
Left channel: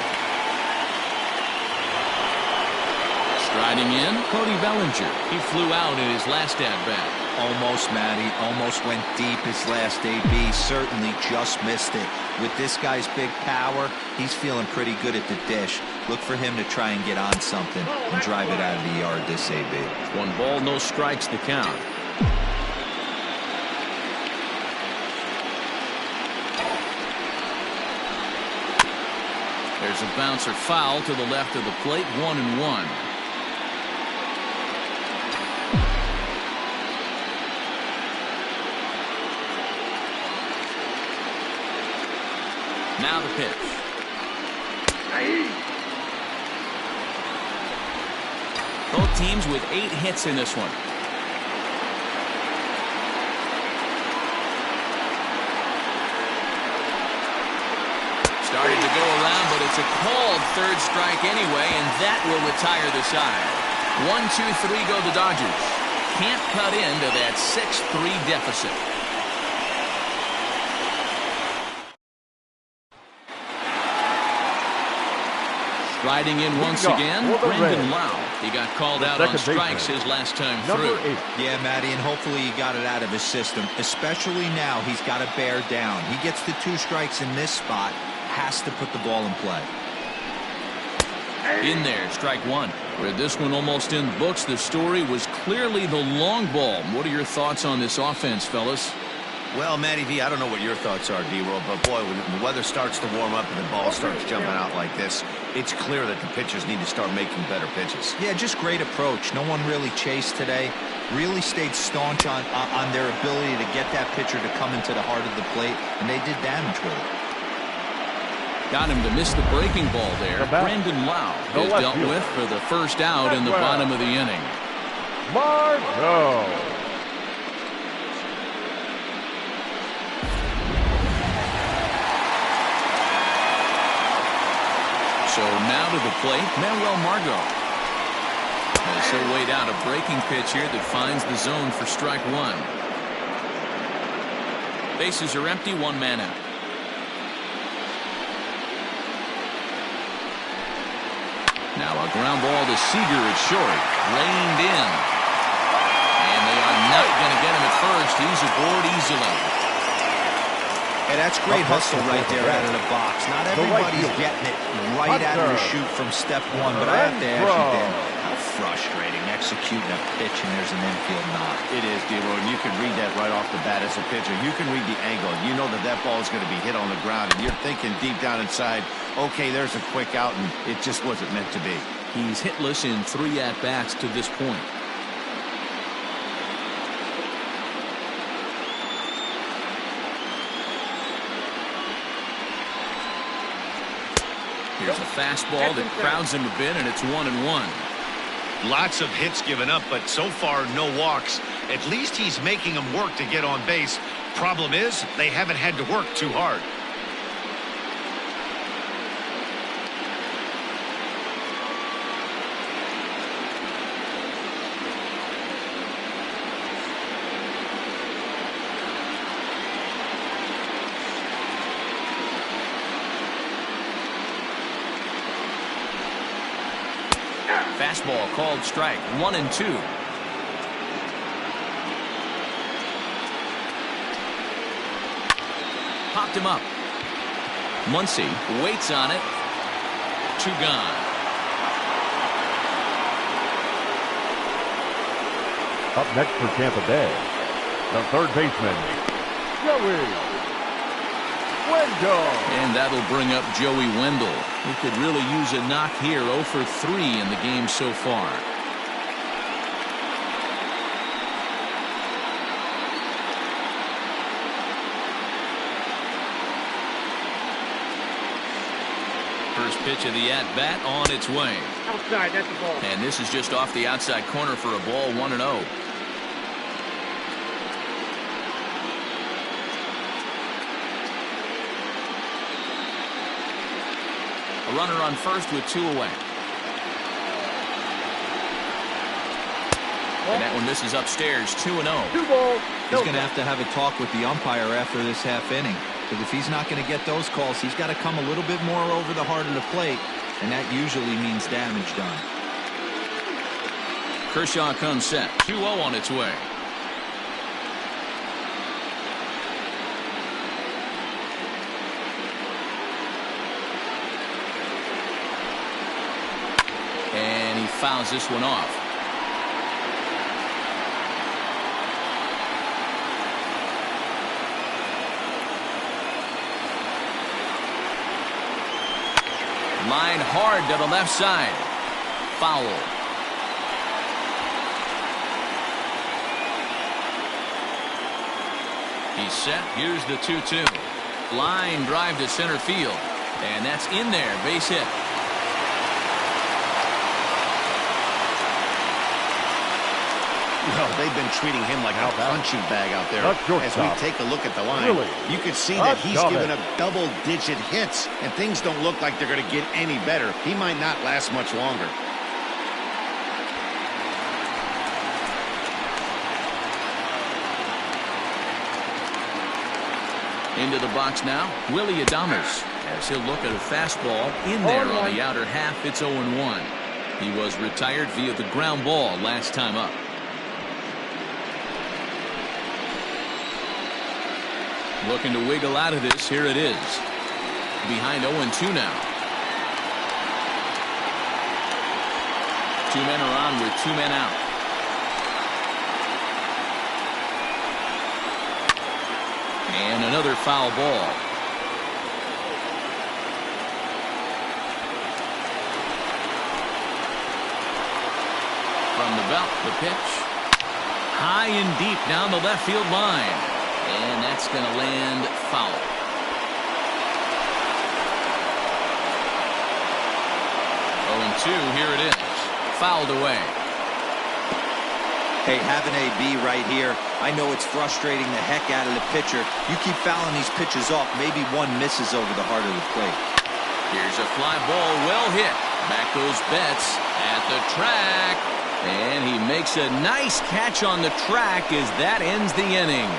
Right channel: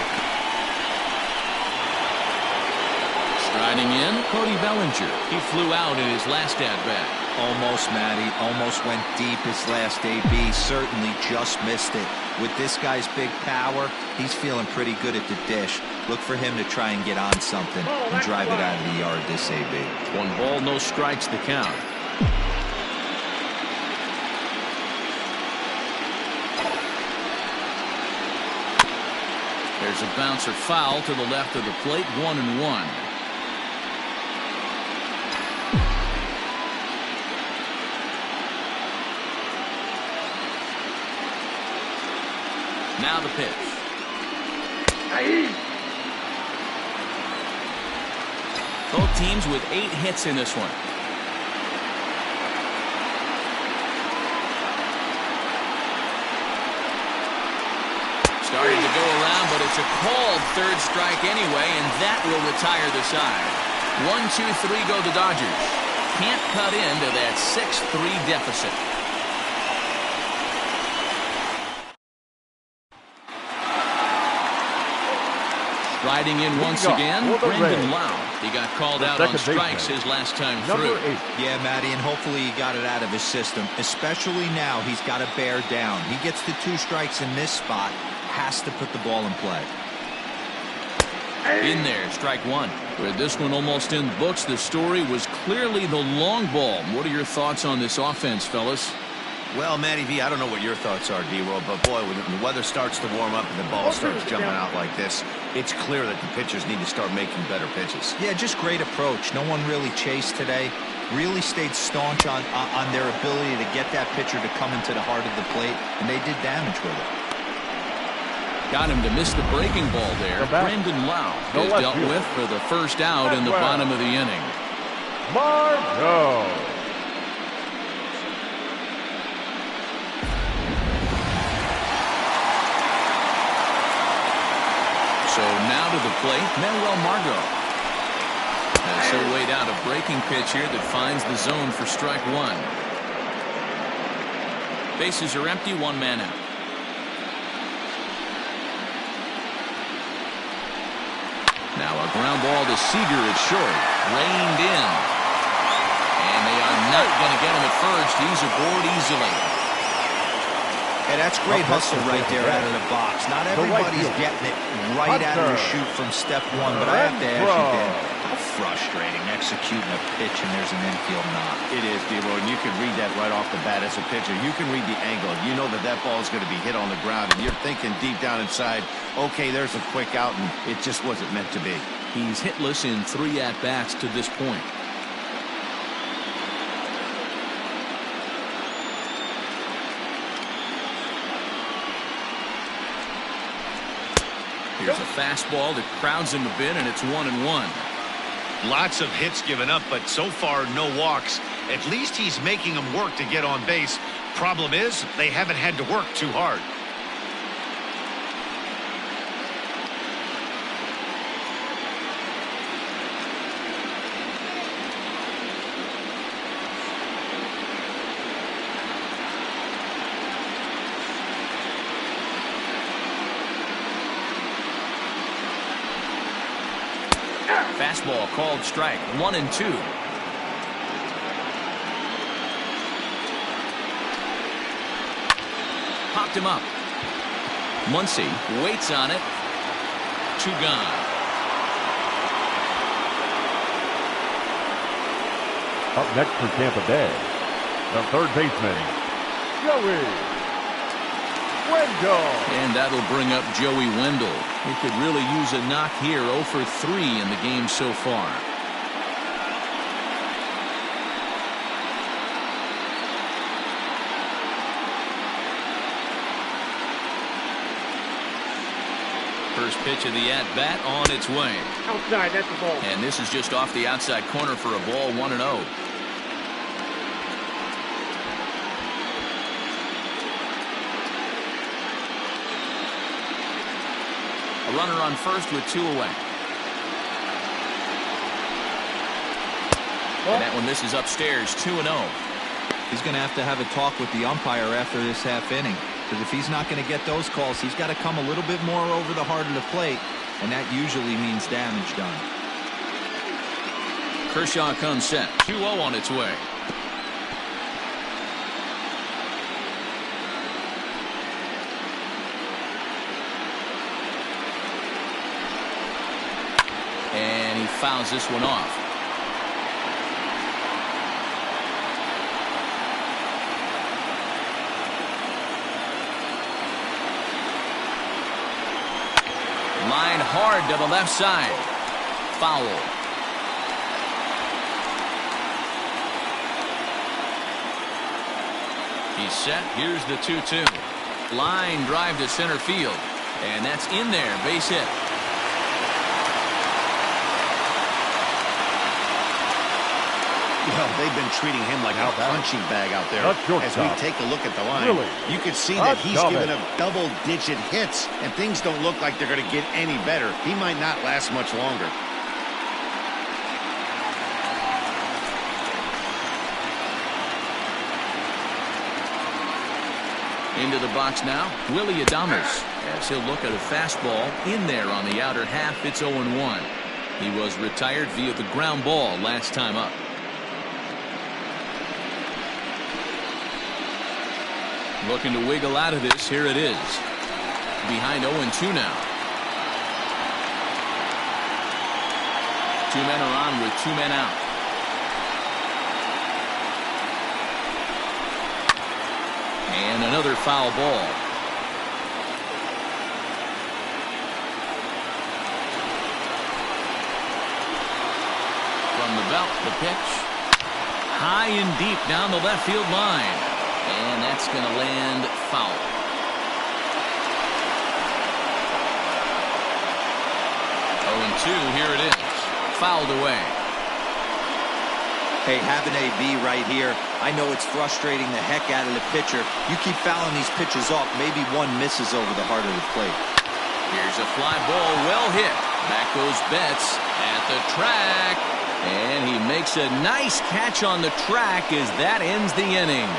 Striding in, Cody Bellinger. He flew out in his last at-bat. Almost, Matty. Almost went deep his last AB. Certainly just missed it. With this guy's big power, he's feeling pretty good at the dish. Look for him to try and get on something and drive it out of the yard this AB. 1 ball, no strikes the count. There's a bouncer foul to the left of the plate. 1-1. Now the pitch. Both teams with 8 hits in this one. Starting to go around, but it's a called 3rd strike anyway, and that will retire the side. 1-2-3 go the Dodgers. Can't cut into that 6-3 deficit. Riding in once again, Brandon Lau. He got called out on strikes his last time through. 8. Yeah, Matty, and hopefully he got it out of his system. Especially now, he's got to bear down. He gets the 2 strikes in this spot, has to put the ball in play. In there, strike 1. With this one almost in the books, the story was clearly the long ball. What are your thoughts on this offense, fellas? Well, Matty V, I don't know what your thoughts are, D-Roll, but boy, when the weather starts to warm up and the ball starts jumping out like this, it's clear that the pitchers need to start making better pitches. Yeah, just great approach. No one really chased today. Really stayed staunch on their ability to get that pitcher to come into the heart of the plate, and they did damage with it. Got him to miss the breaking ball there. Brandon Lau is dealt with for the first out in the bottom of the inning. Margot. So now to the plate, Manuel Margot. As he'll wait out a breaking pitch here that finds the zone for strike 1. Bases are empty, 1 man out. Now a ground ball to Seager at short. Reined in. And they are not going to get him at first. He's aboard easily. Hey, that's great hustle right there out of the box. Not everybody's getting it right out of the chute from step 1, but I have to ask you, Dan, how frustrating executing a pitch and there's an infield knock. It is, D-Roll, and you can read that right off the bat as a pitcher. You can read the angle. You know that that ball is going to be hit on the ground, and you're thinking deep down inside, okay, there's a quick out, and it just wasn't meant to be. He's hitless in 3 at-bats to this point. Here's a fastball that crowds him a bit, and it's 1-1. Lots of hits given up, but so far no walks. At least he's making them work to get on base. Problem is, they haven't had to work too hard. Fastball called strike, 1-2. Popped him up. Muncy waits on it. 2 gone. Up next for Tampa Bay, the third baseman, Joey Wendell. And that'll bring up Joey Wendell. He could really use a knock here. 0 for 3 in the game so far. First pitch of the at-bat on its way. Outside, that's the ball. And this is just off the outside corner for a ball, 1-0. A runner on first with 2 away. And that one misses upstairs, 2-0. He's going to have a talk with the umpire after this half inning. Because if he's not going to get those calls, he's got to come a little bit more over the heart of the plate. And that usually means damage done. Kershaw comes set. 2-0 on its way. And he fouls this one off. Line hard to the left side. Foul. He's set. Here's the 2-2. Line drive to center field. And that's in there. Base hit. Well, they've been treating him like a punching bag out there. As we take a look at the line, you can see that he's given up double-digit hits, and things don't look like they're going to get any better. He might not last much longer. Into the box now, Willie Adames, as he'll look at a fastball in there on the outer half. It's 0-1. He was retired via the ground ball last time up. Looking to wiggle out of this. Here it is. Behind 0-2 now. 2 men are on with 2 men out. And another foul ball. From the belt, the pitch. High and deep down the left field line. And that's going to land foul. 0-2, here it is. Fouled away. Hey, have an AB right here. I know it's frustrating the heck out of the pitcher. You keep fouling these pitches off, maybe one misses over the heart of the plate. Here's a fly ball, well hit. Back goes Betts at the track. And he makes a nice catch on the track as that ends the inning.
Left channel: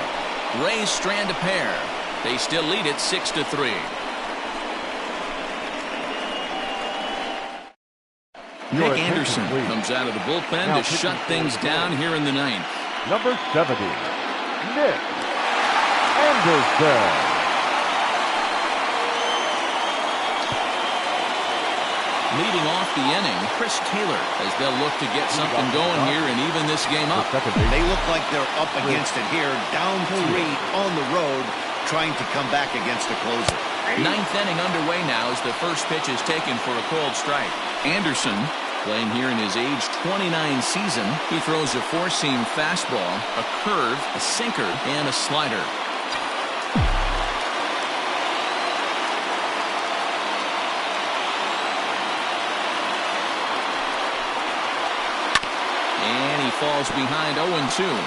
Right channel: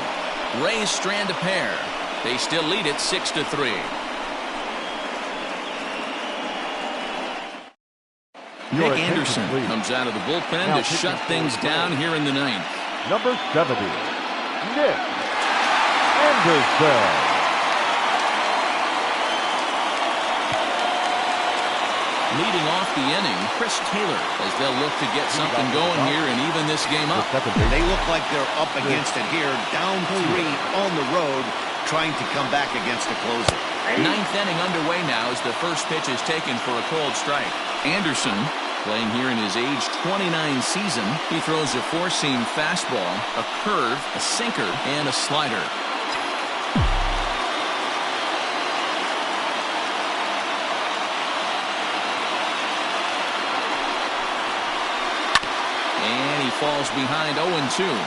Rays strand a pair. They still lead it 6-3. Nick Anderson comes out of the bullpen to shut things down here in the ninth. Number 70, Nick Anderson. Leading off the inning, Chris Taylor, as they'll look to get something going here and even this game up. They look like they're up against it here, down 3 on the road, trying to come back against a closer. Ninth inning underway now as the first pitch is taken for a called strike. Anderson, playing here in his age 29 season, he throws a 4-seam fastball, a curve, a sinker, and a slider. And he falls behind 0-2.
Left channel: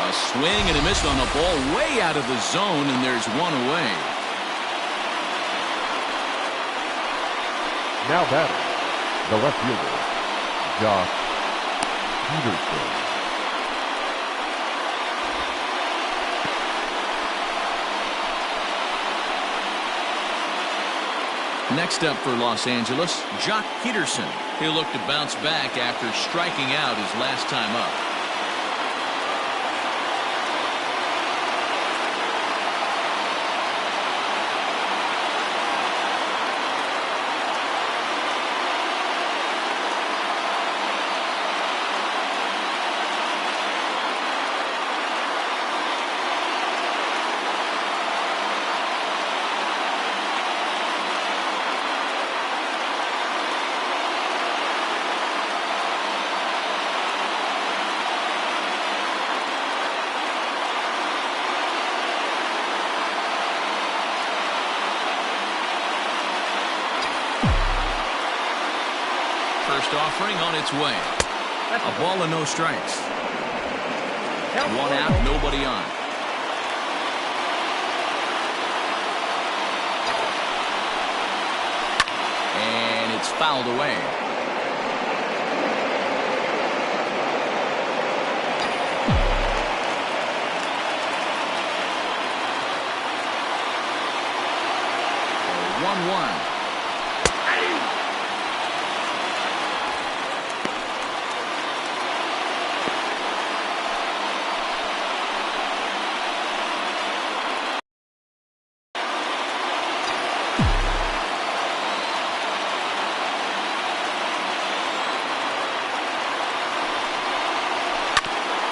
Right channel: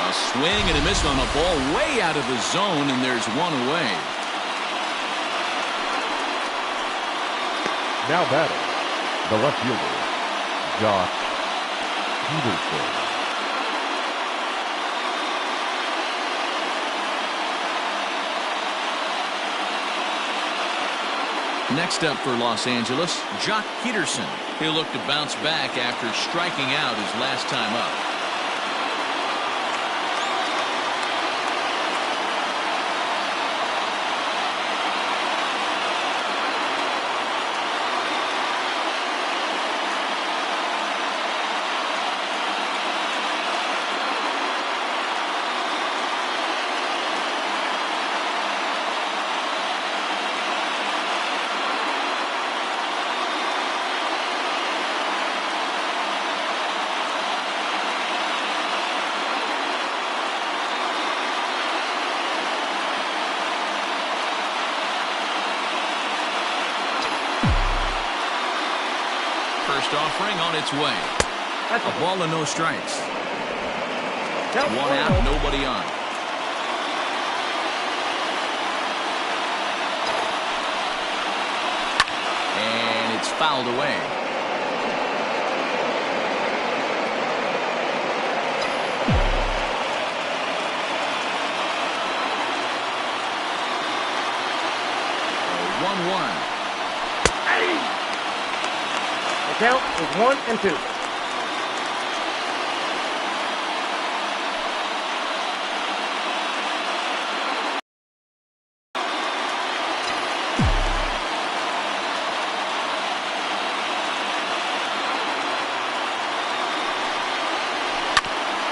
A swing and a miss on a ball way out of the zone, and there's one away. Now batting, the left fielder, Josh Peterson. Next up for Los Angeles, Jock Peterson. He'll look to bounce back after striking out his last time up. First offering on its way. A ball and no strikes. One out, nobody on. And it's fouled away. So 1-1. Count is 1-2.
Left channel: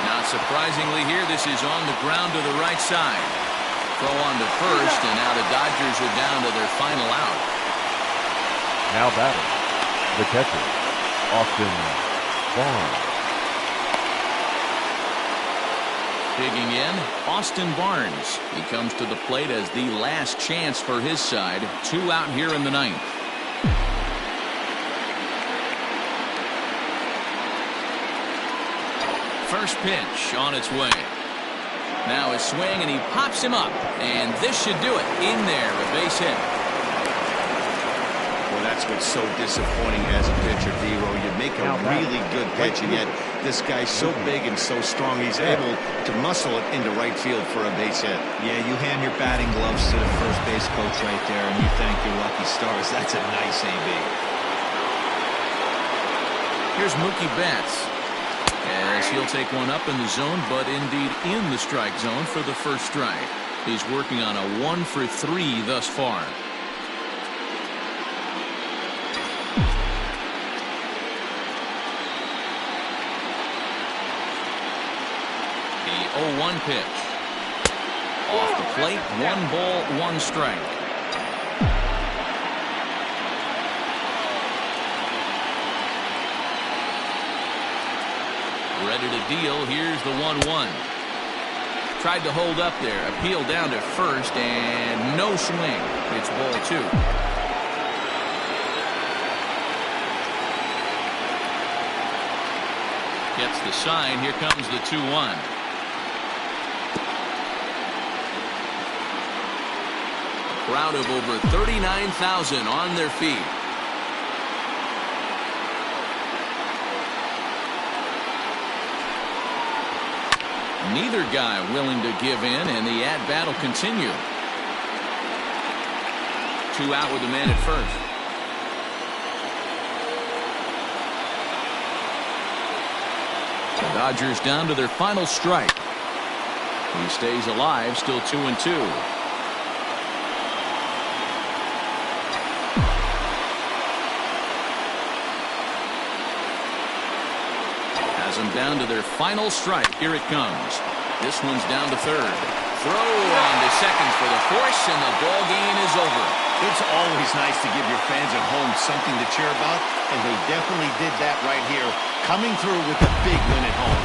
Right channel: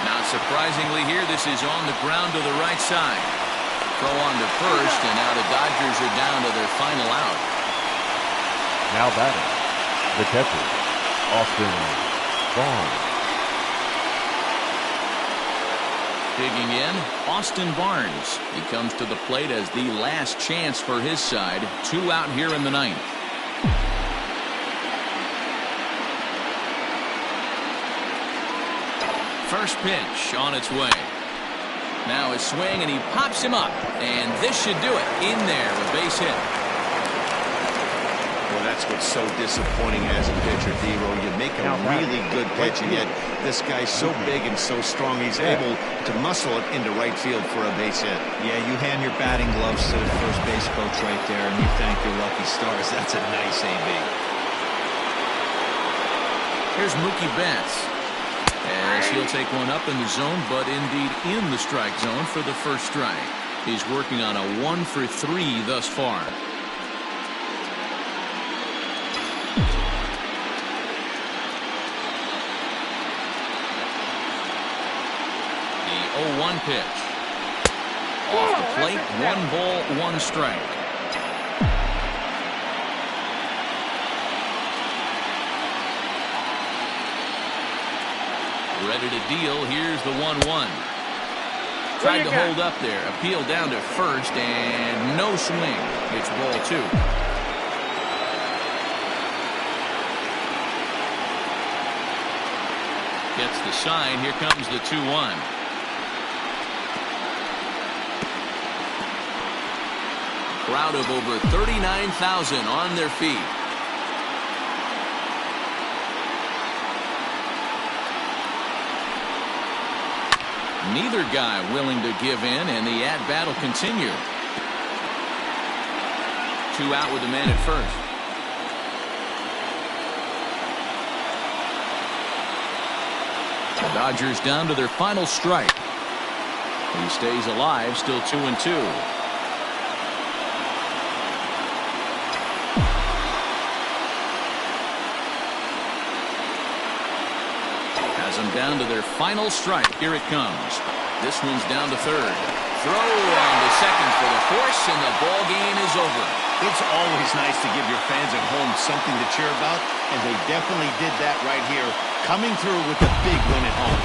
Not surprisingly here, this is on the ground to the right side. Throw on to first, and now the Dodgers are down to their final out. Now batting, the catcher, Austin Barnes. Digging in, Austin Barnes. He comes to the plate as the last chance for his side. 2 out here in the ninth. First pitch on its way. Now a swing, and he pops him up. And this should do it. In there, a base hit. Well, that's what's so disappointing as a pitcher, D-Row. You make a really good pitch, and yet this guy's so big and so strong, he's able to muscle it into right field for a base hit. Yeah, you hand your batting gloves to the first base coach right there, and you thank your lucky stars. That's a nice AB. Here's Mookie Betts, as he'll take one up in the zone, but indeed in the strike zone for the first strike. He's working on a 1 for 3 thus far. The 0-1 pitch. Off the plate, 1 ball, 1 strike. Ready to deal. Here's the 1-1. Tried to hold up there. Appeal down to first, and no swing. It's ball 2. Gets the sign. Here comes the 2-1. A crowd of over 39,000 on their feet. Neither guy willing to give in, and the at-bat will continue. 2 out with the man at first. The Dodgers down to their final strike. He stays alive, still 2-2. Has them down to their final strike. Here it comes. This one's down to third. Throw on to second for the force, and the ball game is over. It's always nice to give your fans at home something to cheer about, and they definitely did that right here, coming through with a big win at home.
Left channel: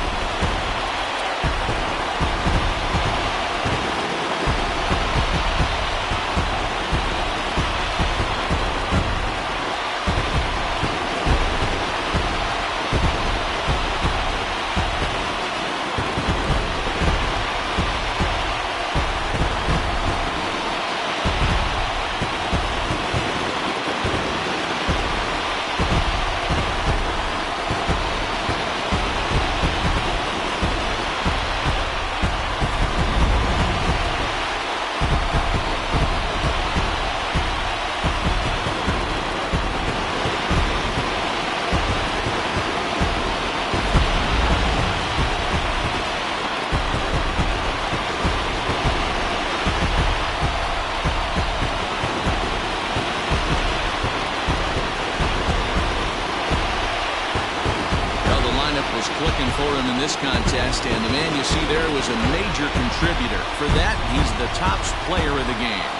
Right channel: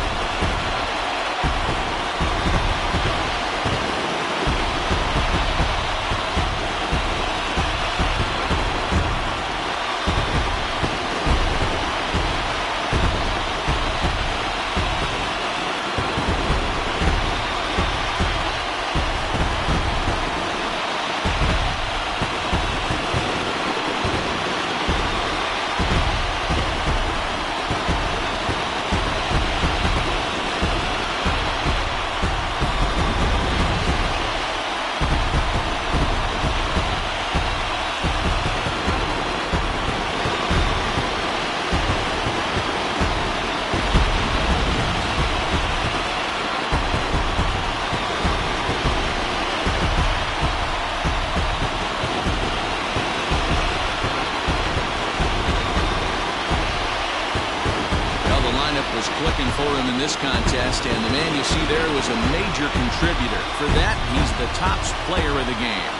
working for him in this contest, and the man you see there was a major contributor. For that, he's the top player of the game.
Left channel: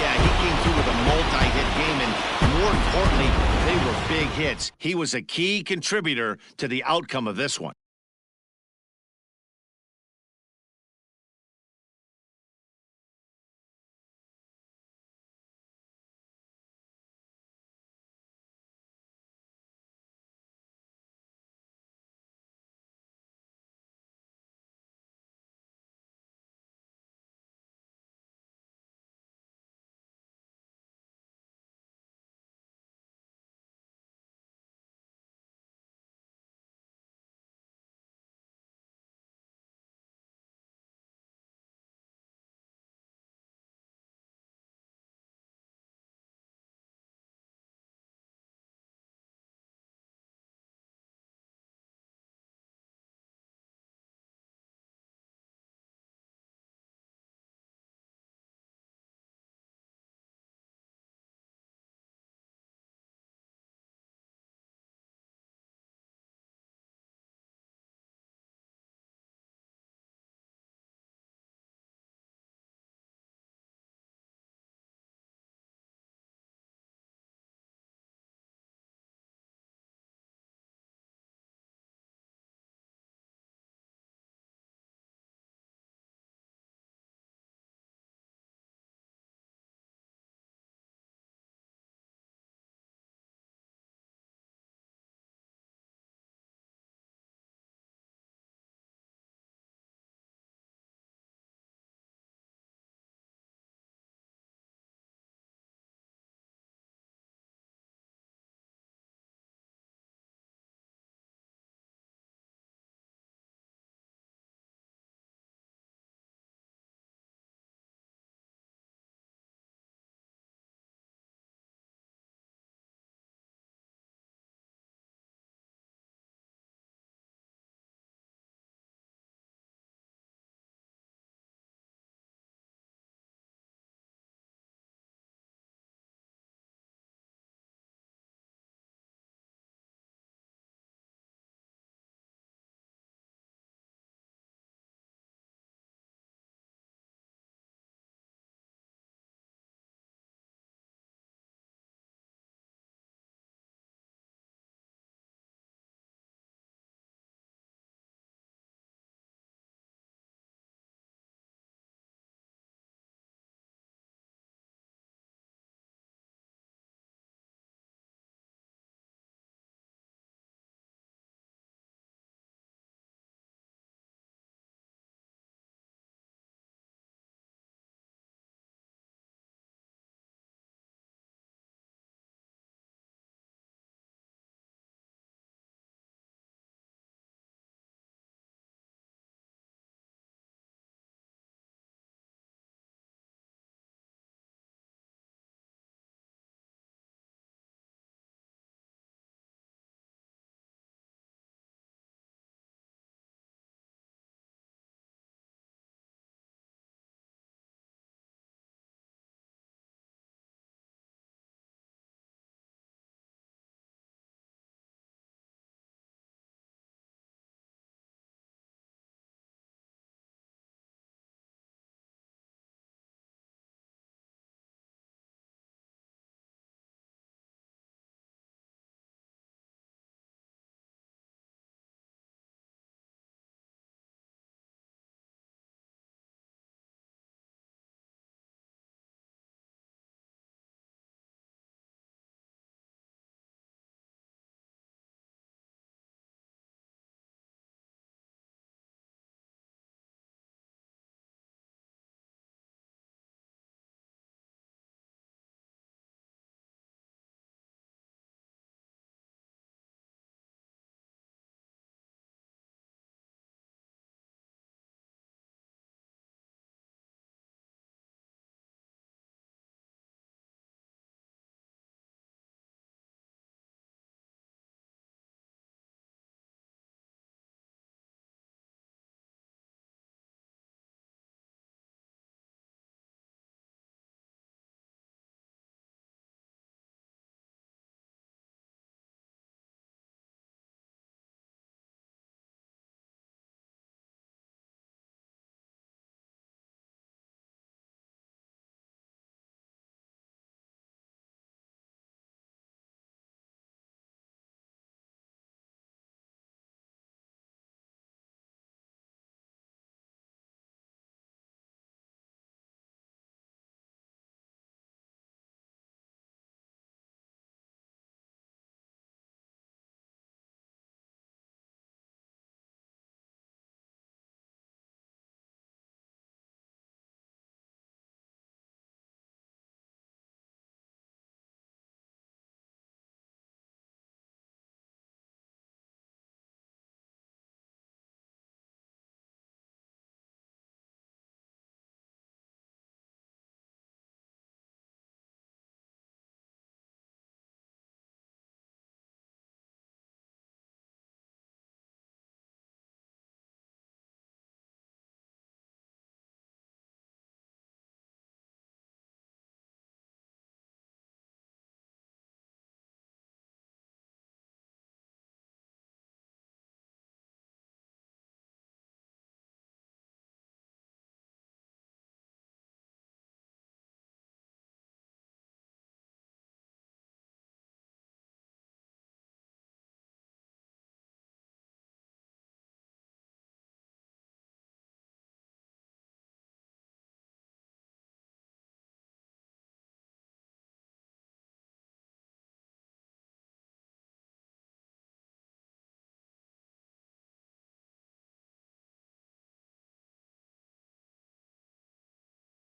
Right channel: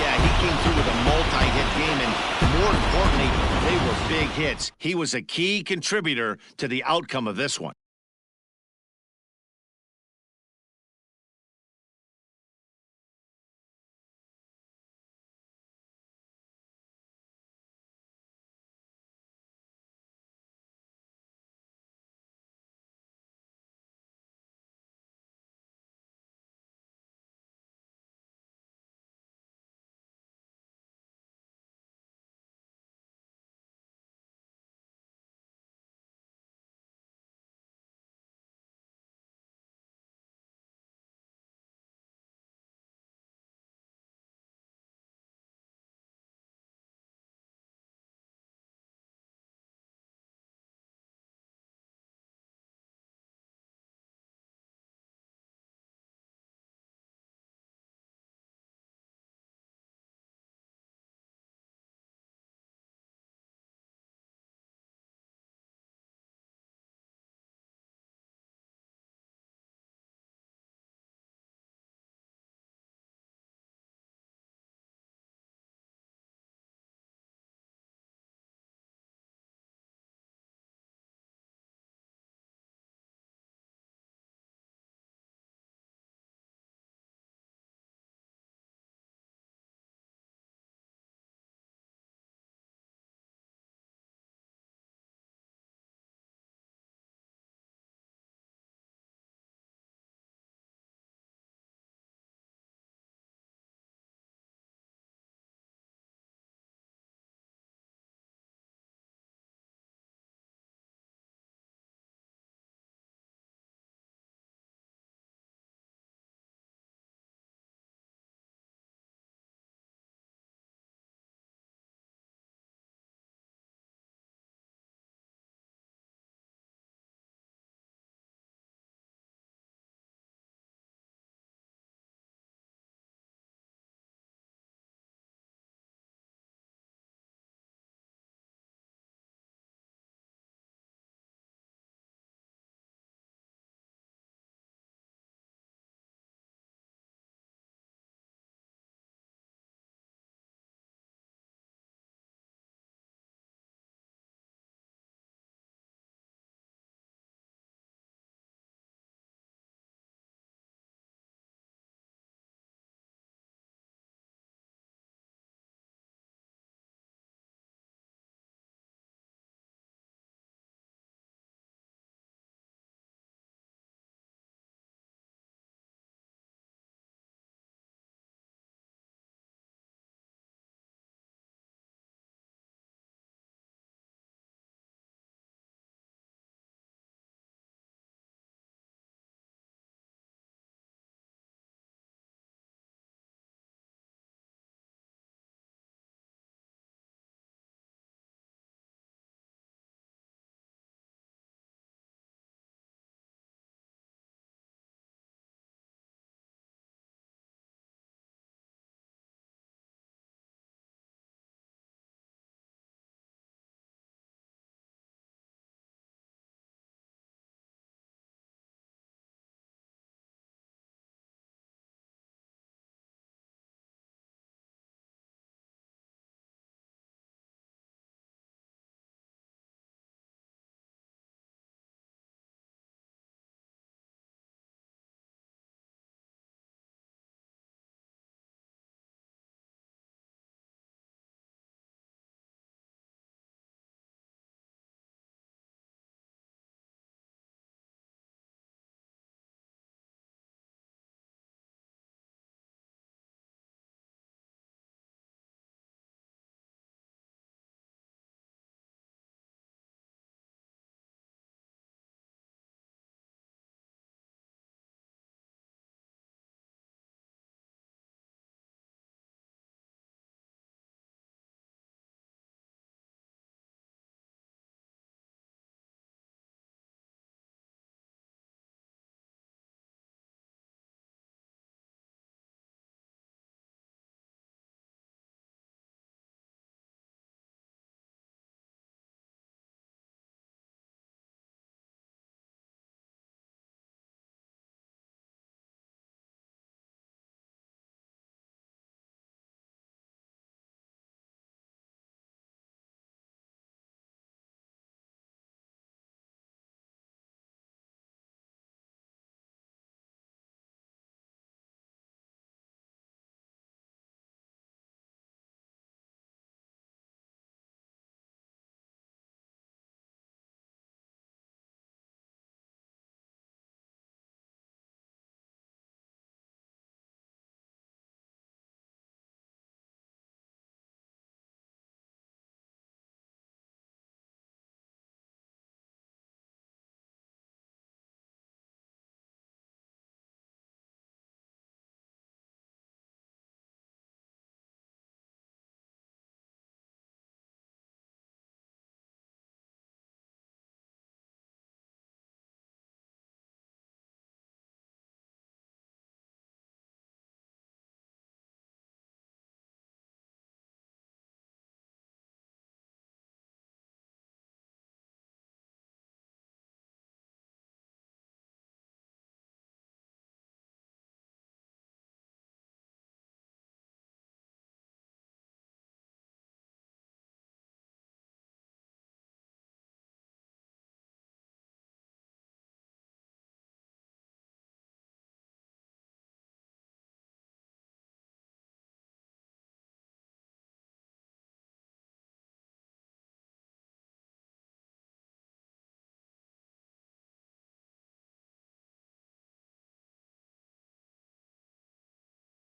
Yeah, he came through with a multi-hit game, and more importantly, they were big hits. He was a key contributor to the outcome of this one.